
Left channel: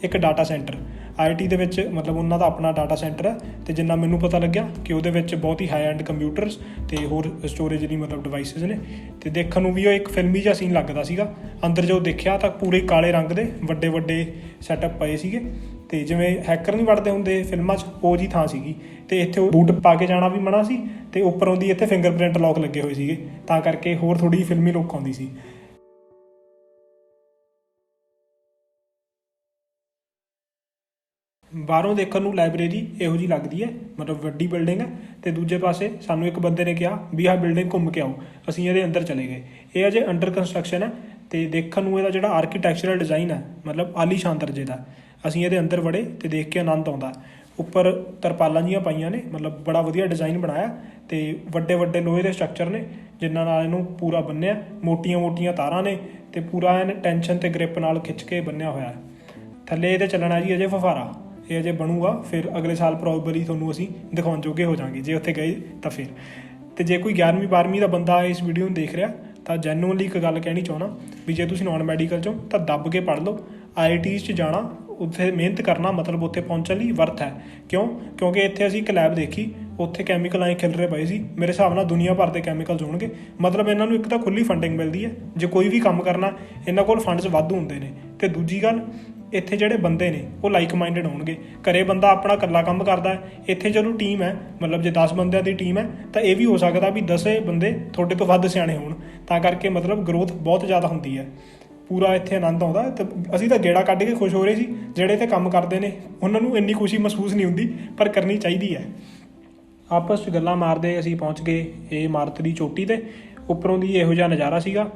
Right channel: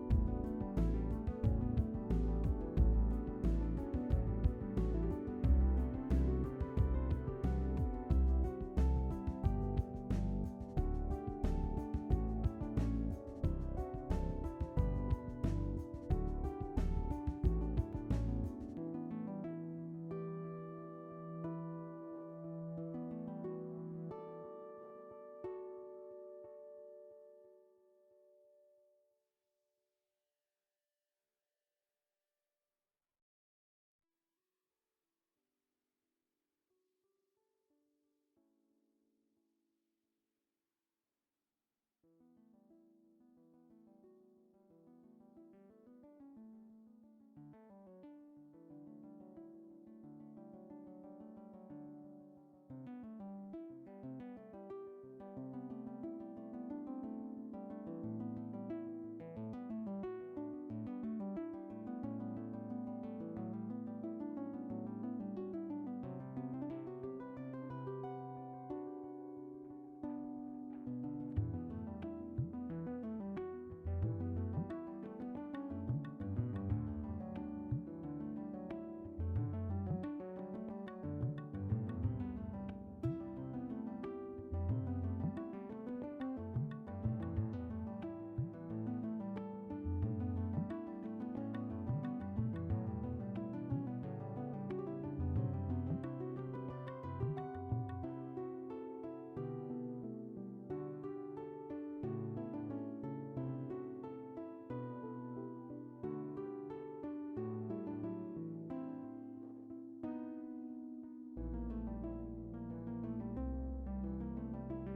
ਇੱਕ ਡਾਟਾ ਸੈਂਟਰ ਆਈਟੀ ਦੇ ਵਿੱਚ ਮਤਲਬ ਉਹਨਾਂ ਦਾ ਆਪਣਾ ਡਾਟਾ ਸੈਂਟਰ ਹੈ ਤੇ ਜਿੰਨਾ ਮੈਨੂੰ ਪਤਾ ਲੱਗਿਆ ਕਿ ਉਹਦੇ ਵਿੱਚ ਬਹੁਤ ਹੀ ਹਾਈ ਐਂਡ ਕੰਪਿਊਟਰਸ ਤੇ ਹੋਰ ਸਟੋਰੇਜ ਦੀ ਮਤਲਬ ਡਿਵਾਈਸਸ ਨੇ। ਤੇ ਦੇਖਣ ਨੂੰ ਵੀ ਉਹ ਇੱਕ ਫਿਲਮੀ ਜਿਹਾ ਸੀਨ ਲੱਗਦਾ ਸੀਗਾ। ਅੰਦਰ ਜੋ ਦੇਖਿਆ ਤਾਂ ਪੂਰੇ ਕਾਲੇ ਰੰਗ ਦੇ ਵੱਡੇ ਵੱਡੇ ਸੈਟਅਪ ਪਏ ਸੀਗੇ। ਤੇ ਜਿਵੇਂ ਹੈਕਰ ਨਹੀਂ ਵੜਦੇ ਹੁੰਦੇ, ਫਿਲਮਾਂ 'ਚ ਉਹ ਜੀ ਥਾਂ ਸੀਗੀ ਤੇ ਇੱਥੇ ਉਹ ਬੂਟ ਪਾ ਕੇ ਜਾਣਾ ਵੀ ਮਨਾ ਸੀ ਤੇ ਉੱਪਰੋਂ ਦੀ ਇੱਥੇ ਫਿੰਗਰਪ੍ਰਿੰਟ ਲੌਕ ਲੱਗੇ ਹੋਏ ਸੀਗੇ, ਤਾਂ ਕਰਕੇ ਹੋਰ ਥੋੜੀ ਫਿਲਮੀ ਲੁੱਕ ਆਉਂਦੀ ਸੀ। ਬਾਹਰੋਂ ਦੇਖਣ ਨੂੰ ਲਾਇਬ੍ਰੇਰੀ ਇਹੋ ਜੀ ਲੱਗਦੀ ਹੈ, ਮਤਲਬ ਵੱਡੀ ਬਿਲਡਿੰਗ ਹੈ ਤੇ ਦੂਜੇ ਪਾਸੇ ਸਾਨੂੰ ਇੱਕ ਬੰਦੇ ਨੇ ਕਿਹਾ ਵੀ ਆਹ ਬਿਲਡਿੰਗ ਘੁੰਮ ਕੇ ਆਓ, ਅਸੀਂ ਇਹਦੇ ਅੰਦਰ ਚਲੇ ਗਏ। ਇਹ ਅਜੇ ਅੰਡਰ ਕੰਸਟਰਕਸ਼ਨ ਹੈ ਤੇ ਦੇਖਣ ਨੂੰ ਇਹਦਾ ਜਿਹੜਾ ਆਰਕੀਟੈਕਚਰਲ ਡਿਜ਼ਾਈਨ ਹੈ, ਮਤਲਬ ਆਲੀਸ਼ਾਨ ਦਰਜੇ ਦਾ। ਅਸੀਂ ਇਹਦੇ ਅੰਦਰ ਵੜੇ ਤੇ ਦੇਖ ਕੇ ਆਨੰਦ ਆਉਂਦਾ। ਉੱਪਰ ਤਰਪਾਲਾਂ ਜੀਆਂ ਪਾਈਆਂ ਨੇ, ਮਤਲਬ ਬੜਾ ਵਧੀਆ ਡਿਜ਼ਾਈਨ ਬਣਾਇਆ ਤੇ ਵੱਡੇ ਵੱਡੇ ਲੋਹੇ ਦੇ ਸਟਰਕਚਰ ਨੇ, ਜਿਨ੍ਹਾਂ ਨਾਲ ਇਹਨੂੰ ਪੂਰਾ ਬੰਨਿਆ। ਮੋਟੀਆਂ-ਮੋਟੀਆਂ ਤਾਰਾਂ ਨੇ ਤੇ ਪੂਰਾ ਐਨ ਟੈਂਸ਼ਨ ਤੇ ਗ੍ਰਿਪ ਨਾਲ ਖਿੱਚ ਕੇ ਬੰਨਿਆ ਹੋਇਆ ਹੈ। ਥੱਲੇ ਇਹਦੇ ਚੱਲਣਾ ਜੀ ਅਜੇ ਫਫਾਰਾ ਇਹ ਅਜੇ ਬਣੂਗਾ, ਫਿਰ ਅਗਲੇ ਸਾਲ ਪ੍ਰੋਬਬਲੀ ਤੁਹਾਨੂੰ ਅਸੀਂ ਦਿਖਾਉਣ ਜੋਗੇ ਹੋ ਜਾਾਂਗੇ ਜੇ ਉੱਥੇ ਗਏ ਤਾਂ ਫਿਰ। ਤੇ ਜੇ ਕੋਈ 11ਵੀਂ 12ਵੀਂ ਦਾ ਬੰਦਾ ਇਸ ਵੀਡੀਓ ਨੂੰ ਦੇਖ ਰਿਹਾ, ਤਾਂ ਜੈਨੂਅਨਲੀ ਇੱਕ ਗੱਲ ਕਹਿਣੀ ਚਾਹਣਾ ਵੀ ਜੇ ਤੁਸੀਂ ਨਾਨ ਮੈਡੀਕਲ ਚੋਂ ਤਾਂ ਦੱਬ ਕੇ ਪੜ੍ਹ ਲਓ। ਆਈਆਈਟੀਜ਼ 'ਚ ਜਾਣਾ ਉੱਥੇ ਮਿਹਨਤ ਕਰਨਾ ਮਤਲਬ ਉੱਥੇ ਪਹੁੰਚਣ ਲਈ ਵਰਥ ਹੈ। ਕਿਉਂ? ਕਿਉਂਕਿ ਇੱਥੇ ਅਸੀਂ ਇੱਕ ਲੈਬ ਦੇਖੀ, ਉੱਥੇ ਕੈਮੀਕਲ ਆਏ ਖਿਲ ਰਹੇ ਪਏ ਸੀ। ਮੇਰੇ ਹਿਸਾਬ ਨਾਲ ਦੁਨੀਆ ਭਰ ਦੇ ਕੈਮੀਕਲਸ ਹੋਣਗੇ। ਮਤਲਬ ਇਹਨਾਂ ਨੂੰ ਇੱਕ ਤਾਂ ਖੁੱਲੀ ਫੰਡਿੰਗ ਮਿਲਦੀ ਹੈ। ਜੇ ਕੋਈ ਵੀ ਕੰਮ ਕਰਨਾ, ਇਹਨਾਂ ਕੋਲ ਫੰਡਸ ਵਾਧੂ ਹੁੰਦੇ ਨੇ। ਤੇ ਦੂਜੀ ਗੱਲ, ਇੱਥੇ ਜਿਹੜੇ ਬੰਦੇ ਨੇ, ਉਹ ਲਾਈਕ ਮਾਈਂਡਡ ਹੋਣਗੇ। ਘਰੇ ਬੰਦਾ ਆਪਣਾ ਇਕੱਲਾ ਕੰਮ ਕਰਦਾ ਹੈ। ਇੱਥੇ ਜਦੋਂ ਟੀਮ ਹੈ, ਮਤਲਬ ਜੇ 10 ਬੰਦਿਆਂ ਦੀ ਟੀਮ ਹੈ, ਤਾਂ ਇਹ ਵੀ ਹੋ ਸਕਦਾ ਵੀ 10 ਬੰਦੇ ਤੁਹਾਡੇ ਤੋਂ ਵੱਧ ਸਿਆਣੇ ਹੋਣ। ਤਾਂ ਕਰਕੇ ਮਤਲਬ ਗਰੋਥ ਬਹੁਤ ਜ਼ਿਆਦਾ ਹੁੰਦੀ ਹੈ। ਪੂਰਾ ਇੱਥੇ ਆਨੰਦ ਆਉਂਦਾ ਹੈ ਤੇ ਅਸੀਂ ਤਾਂ ਗੇੜਾ ਕੱਢ ਕੇ ਖੁਸ਼ ਹੋ ਰਹੇ ਸੀ, ਜਿਹੜੇ ਇੱਥੇ ਕੰਮ ਕਰਦੇ ਨੇ, ਉਹਨਾਂ ਨੂੰ ਇੰਨੀ ਖੁਸ਼ੀ ਮਹਿਸੂਸ ਨਹੀਂ ਹੁੰਦੀ, ਪਰ ਕਰਨੀ ਚਾਹੀਦੀ ਹੈ। ਆਪਸ 'ਚ ਗੱਲਾਂ ਮਾਰਦੇ ਅਸੀਂ ਪਹੁੰਚ ਗਏ, ਇਹ ਇਮਾਰਤ ਦੀ ਚੋਟੀ ਤੇ, ਉੱਪਰੋਂ ਦੀ ਇਹੋ ਜਿਹਾ ਨਜ਼ਾਰਾ ਸੀਗਾ।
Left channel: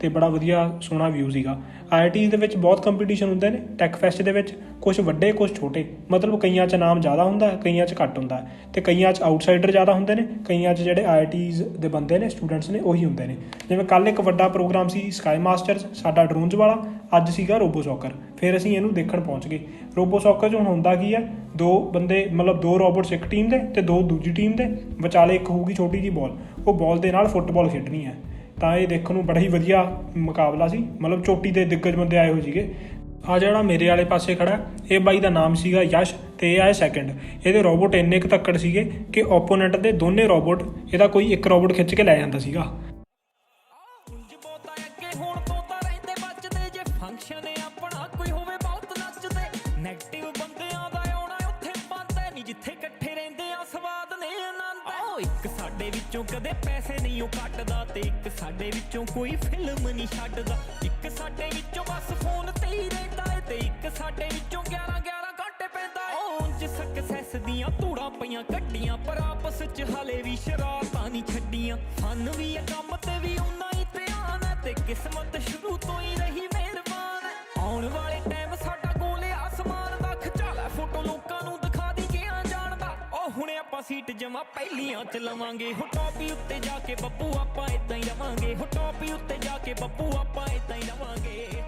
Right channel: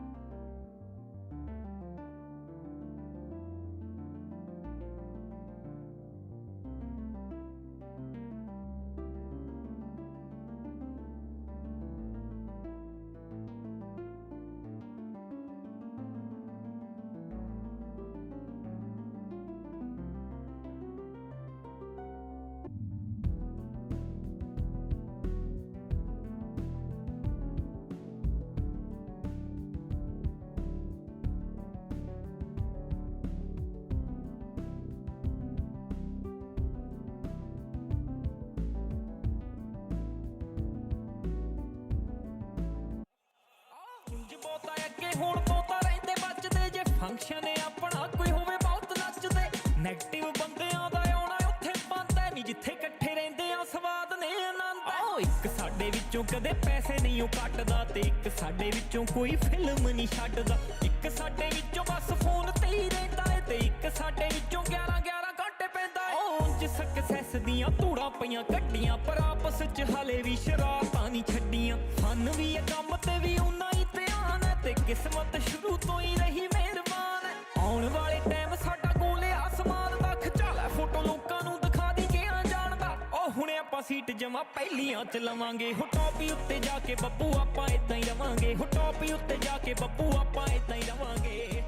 ਤੇ ਬੜਾ ਵਧੀਆ ਸੋਹਣਾ ਵਿਊ ਸੀਗਾ। ਆਈਆਈਟੀਜ਼ ਦੇ ਵਿੱਚ ਬਹੁਤ ਕੰਪੀਟੀਸ਼ਨ ਹੁੰਦੇ ਨੇ ਟੈਕ ਫੈਸਟ ਦੇ ਵਿੱਚ ਕੁਝ ਵੱਡੇ ਕੁਝ ਛੋਟੇ। ਮਤਲਬ ਕਈਆਂ 'ਚ ਨਾਮ ਜ਼ਿਆਦਾ ਹੁੰਦਾ, ਕਈਆਂ 'ਚ ਘੱਟ ਹੁੰਦਾ। ਹੈ ਤੇ ਕਈਆਂ 'ਚ ਆਊਟਸਾਈਡਰ ਜ਼ਿਆਦਾ ਹੁੰਦੇ ਨੇ, ਕਈਆਂ 'ਚ ਜਿਹੜੇ ਆਈਆਈਟੀਜ਼ ਦੇ ਬੰਦੇ ਨੇ ਸਟੂਡੈਂਟਸ ਨੇ, ਉਹੀ ਹੁੰਦੇ ਨੇ। ਜਿਵੇਂ ਕੱਲ ਇੱਕ ਵੱਡਾ ਪ੍ਰੋਗਰਾਮ ਸੀ ਸਕਾਈ ਮਾਸਟਰਸ ਸਾਡਾ ਡਰੋਨਸ ਵਾਲਾ, ਅੱਜ ਸੀਗਾ ਰੋਬੋ ਸੌਕਰ ਫਿਰ ਅਸੀਂ ਇਹਨੂੰ ਦੇਖਣ ਪਹੁੰਚ ਗਏ। ਰੋਬੋ ਸੌਕਰ 'ਚ ਹੁਣ ਹੁੰਦਾ ਕੀ ਹੈ ਦੋ ਬੰਦੇ, ਮਤਲਬ ਦੋ ਰੋਬੋਟਸ ਇੱਕ ਟੀਮ ਦੇ ਤੇ ਦੋ ਦੂਜੀ ਟੀਮ ਦੇ। ਵਿਚਾਲੇ ਇੱਕ ਹੋਊਗੀ ਛੋਟੀ ਜੀ ਬਾਲ ਉਹ ਬਾਲ ਦੇ ਨਾਲ ਫੁੱਟਬਾਲ ਖੇਡਣੀ ਹੈ। ਤਾਂ ਇਹ ਦੇਖਣ ਨੂੰ ਬੜਾ ਹੀ ਵਧੀਆ ਮੁਕਾਬਲਾ ਸੀ। ਮਤਲਬ ਚੋਟੀ ਦੇ ਦਿੱਗਜ ਬੰਦੇ ਆਏ ਹੋਏ ਸੀਗੇ। ਆ ਜਿਹੜਾ ਮੇਰੇ ਵਾਲੇ ਪਾਸੇ ਖੜਾ, ਇਹ ਬਾਈ ਦਾ ਨਾਮ ਸੀਗਾ ਯਸ਼ ਤੇ ਇਹ ਆਏ ਸੈਕੰਡ ਇਹਦੇ ਰੋਬੋਟ ਇੰਨੇ ਕੁ ਤੱਕੜ ਸੀਗੇ ਕਿ ਓਪੋਨੈਂਟ ਦੇ ਦੋਨੇ ਰੋਬੋਟ ਇਹਦਾ ਕੋਈ ਇੱਕ ਰੋਬੋਟ ਖਿੱਚ ਕੇ ਲੈ ਜਾਂਦਾ ਸੀਗਾ। ਇੱਕ ਸਾਡੇ ਵਿੱਚੋਂ ਕਦੇ ਪੈਸੇ ਨਹੀਂ ਉਹ ਕੱਟਦਾ ਤੇ ਇੱਕ ਸਾਡੇ ਵਿੱਚੋਂ ਕੋਈ ਫਿਲਮ ਨਹੀਂ ਛੱਡਦਾ। ਇੱਕ ਸਾਡੇ ਵਿੱਚੋਂ ਬਸ ਫੋਨ ਤੇ ਹੀ ਰਹਿੰਦਾ ਏ ਤੇ ਇੱਕ ਸਾਡੇ ਵਿੱਚੋਂ 11 11 ਘੰਟੇ ਪੈਂਦਾ ਏ। ਉਂਝ ਸਕਸੈਸ ਦੀਆਂ ਧੂੜਾਂ ਪਈਆਂ ਕੱਢੀਆਂ ਪਰ ਆਪਸ ਚ ਹਲੇ ਵੀ ਸ਼ਰਾਰਤਾਂ ਨਹੀਂ ਛੱਡੀਆਂ। ਫਨ ਵੀ ਆ ਕੰਮ ਤੇ ਵੀ ਉਨਾ ਹੀ ਧਿਆਨ ਹੈ ਤੇ ਕਿਸਮਤ ਸ਼ੁਰੂ ਤੋਂ ਹੀ ਰਹੀ ਮਿਹਰਬਾਨ ਆਉਣ ਵਾਲੇ ਟਾਈਮ ਸਾਡਾ ਆਪਾਂ ਸੀਟ ਜਮਾ ਪਹਿਲੀਆਂ ਚ ਲਵਾਂਗੇ। ਹੋ ਟੌਪੀ ਉੱਤੇ ਜਾ ਕੇ ਬੱਬੂ ਆਪਾਂ ਇਦਾਂ ਹੀ ਰਵਾਂਗੇ। ਹੋ ਟੌਪੀ ਉੱਤੇ ਜਾ ਕੇ ਬੱਬੂ ਆਪਾਂ ਇਦਾਂ ਹੀ ਰਵਾਂਗੇ।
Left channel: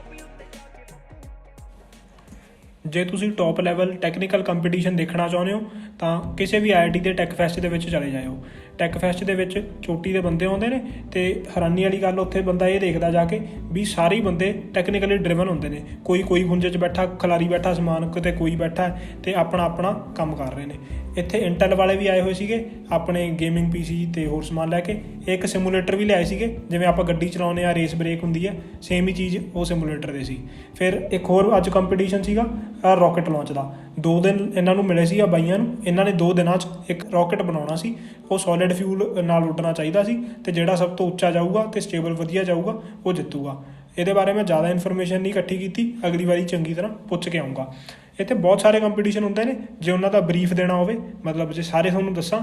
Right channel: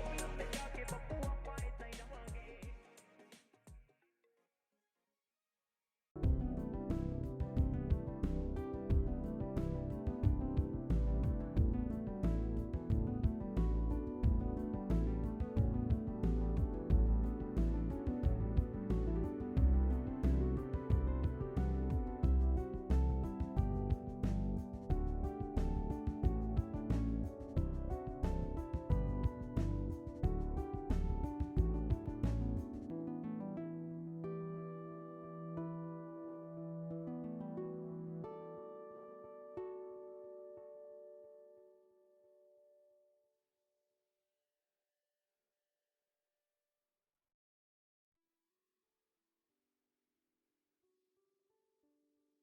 ਜੇ ਤੁਸੀਂ ਟੌਪ ਲੈਵਲ ਟੈਕਨੀਕਲ ਕੰਪੀਟੀਸ਼ਨ ਦੇਖਣਾ ਚਾਹੁੰਦੇ ਹੋ, ਤਾਂ ਕਿਸੇ ਵੀ ਆਈਆਈਟੀ ਦੇ ਟੈਕ ਫੈਸਟ ਦੇ ਵਿੱਚ ਚਲੇ ਜਾਇਓ। ਟੈਕ ਫੈਸਟ ਦੇ ਵਿੱਚ ਚੋਟੀ ਦੇ ਬੰਦੇ ਆਉਂਦੇ ਨੇ ਤੇ ਹੈਰਾਨੀ ਵਾਲੀ ਗੱਲ ਉੱਥੇ ਬੰਦਾ ਇਹ ਦੇਖਦਾ ਜਾ ਕੇ ਵੀ ਸਾਰੇ ਬੰਦੇ ਟੈਕਨੀਕਲੀ ਡਰਿਵਨ ਹੁੰਦੇ ਨੇ। ਕੋਈ ਕੋਈ ਹੁੰਜੇ 'ਚ ਬੈਠਾ, ਖਿਲਾਰੀ ਬੈਠਾ, ਸਮਾਨ ਕਿਤੇ ਕੋਈ ਬੈਠਾ ਹੈ ਤੇ ਆਪਣਾ ਆਪਣਾ ਕੰਮ ਕਰ ਰਹੇ ਨੇ। ਇੱਥੇ ਇੰਟੈਲ ਵਾਲੇ ਵੀ ਆਏ ਹੋਏ ਸੀਗੇ, ਆਪਣੇ ਗੇਮਿੰਗ ਪੀਸੀ ਤੇ ਹੋਰ ਸਮਾਨ ਲੈ ਕੇ। ਇੱਕ ਸਿਮੂਲੇਟਰ ਵੀ ਲਿਆਏ ਸੀਗੇ, ਜਿਵੇਂ ਆਪਾਂ ਗੱਡੀ ਚਲਾਉਂਦੇ ਆ ਰੇਸ ਬ੍ਰੇਕ ਹੁੰਦੀ ਹੈ ਸੇਮ ਹੀ ਚੀਜ਼ ਉਹ ਸਿਮੂਲੇਟਰ ਦੇ ਸੀ। ਫਿਰ ਇੱਕ ਹੋਰ ਅੱਜ ਕੰਪੀਟੀਸ਼ਨ ਸੀਗਾ ਰਾਕਟ ਲਾਂਚ ਦਾ। ਦੋ ਦਿਨ ਇਹਨਾਂ ਨੂੰ ਮਿਲੇ ਸੀ ਆ ਬਾਈਆਂ ਨੂੰ, ਇਹਨਾਂ ਨੇ ਦੋ ਦਿਨਾਂ 'ਚ ਇੱਕ ਰਾਕਟ ਬਣਾਉਣਾ ਸੀ, ਉਹ ਸੋਲਿਡ ਫਿਊਲ ਨਾਲ ਉੱਡਣਾ ਚਾਹੀਦਾ ਸੀ ਤੇ ਜਿਹੜਾ ਸਭ ਤੋਂ ਉੱਚਾ ਜਾਊਗਾ ਤੇ ਸਟੇਬਲ ਵਧੀਆ ਜਾਊਗਾ, ਉਹ ਜਿੱਤੂਗਾ। ਇਹਦੇ ਬਾਰੇ ਮੈਂ ਜ਼ਿਆਦਾ ਇਨਫੋਰਮੇਸ਼ਨ ਨਹੀਂ ਇਕੱਠੀ ਕੀਤੀ, ਅਗਲੀ ਵਾਰੀ ਚੰਗੀ ਤਰ੍ਹਾਂ ਪੁੱਛ ਕੇ ਆਉਂਗਾ ਇੱਥੇ ਬਹੁਤ ਸਾਰੇ ਕੰਪੀਟੀਸ਼ਨ ਹੁੰਦੇ ਨੇ, ਜੇ ਉਹਨਾਂ ਦਾ ਬਰੀਫ ਦੇਣਾ ਹੋਵੇ, ਮਤਲਬ ਜੇ ਸਾਰੇ ਤੁਹਾਨੂੰ ਦੱਸਾਂ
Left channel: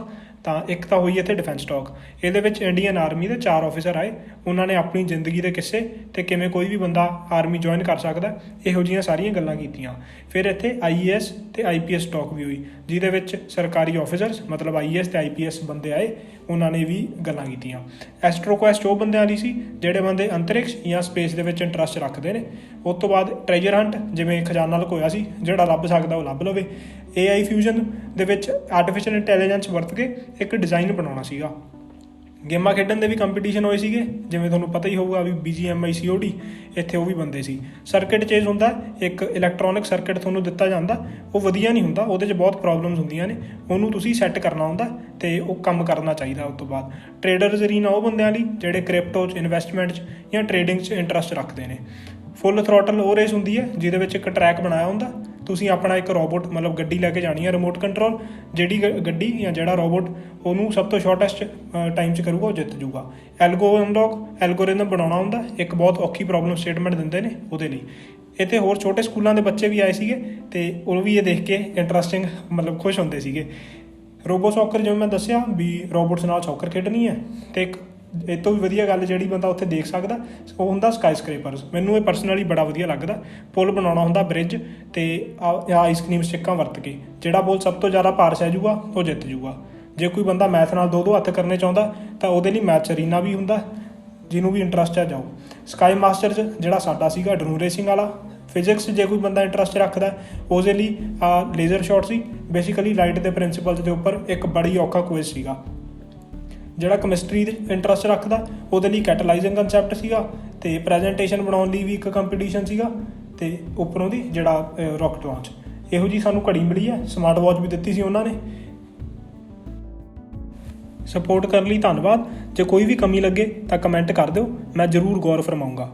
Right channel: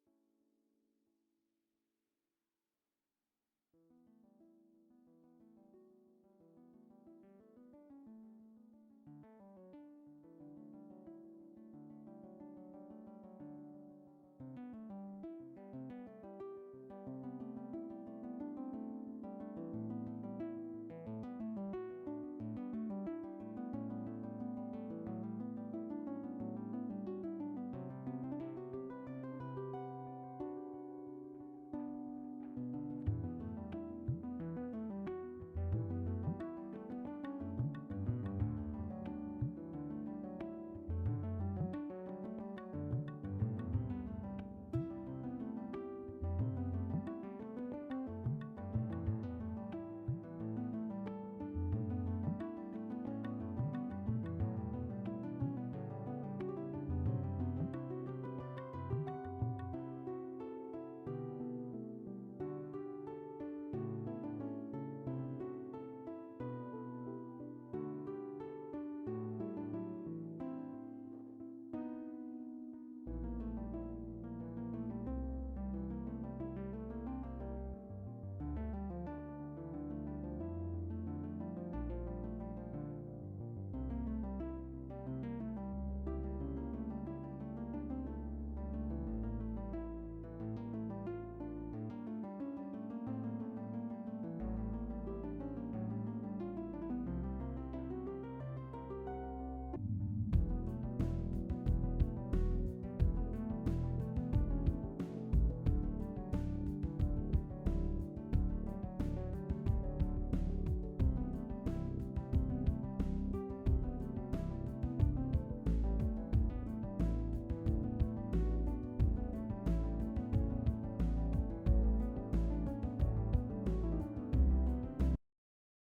ਤਾਂ ਇੱਕ ਤਾਂ ਹੋਈ ਇੱਥੇ ਡਿਫੈਂਸ ਟਾਕ ਇਹਦੇ ਵਿੱਚ ਇੰਡੀਅਨ ਆਰਮੀ ਦੇ ਚਾਰ ਆਫੀਸਰ ਆਏ। ਉਹਨਾਂ ਨੇ ਆਪਣੀ ਜ਼ਿੰਦਗੀ ਦੇ ਕਿੱਸੇ ਤੇ ਕਿਵੇਂ ਕੋਈ ਵੀ ਬੰਦਾ ਆਰਮੀ ਜੁਆਇਨ ਕਰ ਸਕਦਾ, ਇਹੋ ਜਿਹੀਆਂ ਸਾਰੀਆਂ ਗੱਲਾਂ ਕੀਤੀਆਂ। ਫਿਰ ਇੱਥੇ ਆਈਏਐਸ ਤੇ ਆਈਪੀਐਸ ਟਾਕ ਵੀ ਹੋਈ, ਜਿਹਦੇ ਵਿੱਚ ਸਰਕਾਰੀ ਆਫੀਸਰਸ ਮਤਲਬ ਆਈਏਐਸ ਤੇ ਆਈਪੀਐਸ ਬੰਦੇ ਆਏ, ਉਹਨਾਂ ਨੇ ਵੀ ਗੱਲਾਂ ਕੀਤੀਆਂ। ਐਸਟ੍ਰੋਕੁਐਸਟ ਉਹ ਬੰਦਿਆਂ ਦੀ ਸੀ, ਜਿਹੜੇ ਬੰਦੇ ਅੰਤਰਿਕਸ਼ ਜਾਂ ਸਪੇਸ ਦੇ ਵਿੱਚ ਇੰਟਰਸਟ ਰੱਖਦੇ ਨੇ। ਉਸ ਤੋਂ ਬਾਅਦ ਟ੍ਰੈਜਰ ਹੰਟ ਜਿਵੇਂ ਖਜ਼ਾਨਾ ਲੁਕੋਇਆ ਸੀ, ਜਿਹੜਾ ਲੱਭ ਸਕਦਾ ਉਹ ਲੱਭ ਲਵੇ। AI ਫਿਊਜ਼ਨ ਦੇ ਵਿੱਚ ਆਰਟੀਫੀਸ਼ੀਅਲ ਇੰਟੈਲੀਜੈਂਸ ਵਰਤ ਕੇ ਇੱਕ ਡਿਜ਼ਾਈਨ ਬਣਾਉਣਾ ਸੀਗਾ। ਗੇਮਾਂ ਖੇਡਣ ਦੇ ਵੀ ਕੰਪੀਟੀਸ਼ਨ ਹੋਏ ਸੀਗੇ। ਜਿਵੇਂ ਤੁਹਾਨੂੰ ਪਤਾ ਹੀ ਹੋਊਗਾ ਵੀ BGMI COD ਇੱਥੇ ਉਹ ਵੀ ਬੰਦੇ ਸੀ। ਸਰਕਟ ਚੇਂਜ ਹੁੰਦਾ, ਇੱਕ ਇਲੈਕਟ੍ਰੋਨਿਕ ਸਰਕਟ ਤੁਹਾਨੂੰ ਦਿੱਤਾ ਜਾਂਦਾ, ਉਹ ਵਧੀਆ ਨਹੀਂ ਹੁੰਦਾ, ਉਹਦੇ 'ਚ ਬਹੁਤ ਪ੍ਰੋਬਲਮਸ ਹੁੰਦੀਆਂ ਨੇ, ਉਹਨੂੰ ਤੁਸੀਂ ਸੈੱਟ ਕਰਨਾ ਹੁੰਦਾ ਤੇ ਉਹ ਕੰਮ ਕਰਨਾ ਚਾਹੀਦਾ ਉਸ ਤੋਂ ਬਾਅਦ। ਟ੍ਰੇਡਰਸ ਅਰੀਨਾ ਉਹ ਬੰਦਿਆਂ ਲਈ, ਜਿਹੜੇ ਕ੍ਰਿਪਟੋ 'ਚ ਇਨਵੈਸਟਮੈਂਟ 'ਚ ਜਾਂ ਟ੍ਰੇਡਿੰਗ 'ਚ ਇੰਟਰਸਟ ਰੱਖਦੇ ਨੇ। ਫੁੱਲ ਥਰੋਟਲ ਉਹ ਰੇਸ ਹੁੰਦੀ ਹੈ, ਜਿਹਦੇ ਵਿੱਚ ਇੱਕ ਟਰੈਕ ਬਣਾਇਆ ਹੁੰਦਾ ਤੁਸੀਂ ਆਪਣਾ ਇੱਕ ਰੋਬੋਟ ਮਤਲਬ ਗੱਡੀ ਲੈ ਕੇ ਜਾਣੀ ਹੈ ਰਿਮੋਟ ਕੰਟਰੋਲ ਜਿਹੜੀ ਗ- ਗੱਡੀ ਜਾਂ ਜਿਹੜਾ ਰੋਬੋਟ ਉਹਨੂੰ ਸਭ ਤੋਂ ਸ਼ਾਰਟੈਸਟ ਟਾਈਮ 'ਚ ਕਰੂਗਾ, ਉਹ ਜਿੱਤ ਜਾਊਗਾ। ਐਲਗੋਰਿਦਮ ਐਲਗੋਰਿਦਮ ਬਣਾਉਣਾ ਹੁੰਦਾ, ਇੱਕ ਬਹੁਤ ਔਖੀ ਪ੍ਰੋਬਲਮ ਸਟੇਟਮੈਂਟ ਦਿੰਦੇ ਨੇ ਉਹਦੇ ਲਈ। ਇੱਥੇ ਹੋਰ ਛੋਟੇ ਸਕੂਲਾਂ ਦੇ ਬੱਚੇ ਵੀ ਆਏ ਸੀਗੇ, ਤੇ ਉਹ ਵੀ ਇਹ ਦੇਖ ਕੇ ਇੰਟਰਸਟਿੰਗ ਮਤਲਬ ਖੁਸ਼ ਹੁੰਦੇ ਸੀਗੇ। ਰੋਬੋ ਸੌਕਰ, ਜਿਵੇਂ ਮੈਂ ਦੱਸਿਆ, ਵੀ ਰੋਬੋਟਸ ਨਾਲ ਸੌਕਰ ਖੇਡਣੀ ਹੈ, ਤੇ ਇੱਕ ਇਹ ਤੋਂ ਵੀ ਵਧੀਆ ਗੱਲ ਜਿਹੜੀ ਬੰਦਾ ਉੱਥੇ ਦੇਖ ਸਕਦਾ, ਉਹ ਹੁੰਦਾ ਸਕਾਈ ਸਕ੍ਰੇਪਰਸ ਮੈਨੂੰ ਇਹ ਪਰਸਨਲੀ ਬੜਾ ਵਧੀਆ ਲੱਗਦਾ। ਪੁਲ ਬਣਾਉਣਾ ਹੁੰਦਾ ਬ੍ਰਿਜ ਤੇ ਆਈਸਕ੍ਰੀਮ ਸਟਿੱਕਾਂ ਵਰਤ ਕੇ, ਜਿਹੜਾ ਪੁਲ ਸਭ ਤੋਂ ਜ਼ਿਆਦਾ ਭਾਰ ਸਹਿ ਜਾਊਗਾ, ਉਹ ਜਿੱਤ ਜੂਗਾ ਜੇ ਕੋਈ ਬੰਦਾ ਮੈਥ ਨਾਲ ਦੋ ਦੋ ਹੱਥ ਕਰਨੇ ਚਾਹੁੰਦਾ, ਤਾਂ ਉਹਦੇ ਲਈ ਮੈਥ ਅਰੀਨਾ ਵੀ ਹੁੰਦਾ, ਜਿਹਨੂੰ ਵੀ ਇੰਟਰਸਟ ਹੈ ਜਾਓ। ਸਕਾਈ ਮਾਸਟਰ 'ਚ ਜਿਹੜਾ ਸਾਡਾ ਸੀਗਾ ਡਰੂ ਰੇਸਿੰਗ ਵਾਲਾ ਫਿਜ਼ਿਕਸ ਜੇ ਕੋਈ ਬੰਦਾ ਇੰਟਰਸਟ ਰੱਖਦਾ, ਉਹਦੇ ਲਈ ਲੇਜ਼ਰ ਸ਼ਾਟ ਸੀ। ਬੇਸਿਕਲੀ ਲਾਈਟ ਦੇ ਪ੍ਰਿੰਸੀਪਲਸ ਦੇ ਉੱਪਰ ਇੱਕ ਬੜੀ ਔਖਾ ਕੁਇਜ਼ ਸੀਗਾ। ਜਿਹੜਾ ਕੈਮਿਸਟਰੀ ਦੇ ਇੰਟਰਸਟ ਰੱਖਦਾ, ਉਹਦੇ ਲਈ ਕੈਟਲਾਈਜਿੰਗ ਕਨਸੈਪਟ ਸੀਗਾ ਤੇ ਪ੍ਰੈਜੈਂਟੇਸ਼ਨ ਬਣਾਉਣ ਲਈ ਵੀ ਇੱਕ ਕੰਪੀਟੀਸ਼ਨ ਸੀਗਾ ਤੇ ਉੱਪਰੋਂ ਦੀ ਜਿਹੜਾ ਰਾਕਟ ਲਾਂਚ ਇਹੋ ਜੀ ਸਾਨੂੰ ਘੜੀ ਮਿਲੀ ਹੈ ਸਮਾਰਟ ਵਾਚ ਵੀ ਦਿੱਤੀ ਸੀ ਉਹਨਾਂ ਨੇ। ਸਪੋਰਟ ਕਰਨ ਲਈ ਧੰਨਵਾਦ। ਜੇ ਕੋਈ ਵੀ ਕਮੀ ਲੱਗੇ ਤਾਂ ਕਮੈਂਟ ਕਰ ਦਿਓ, ਮੈਂ ਜ਼ਰੂਰ ਗੌਰ ਫਰਮਾਊਂਗਾ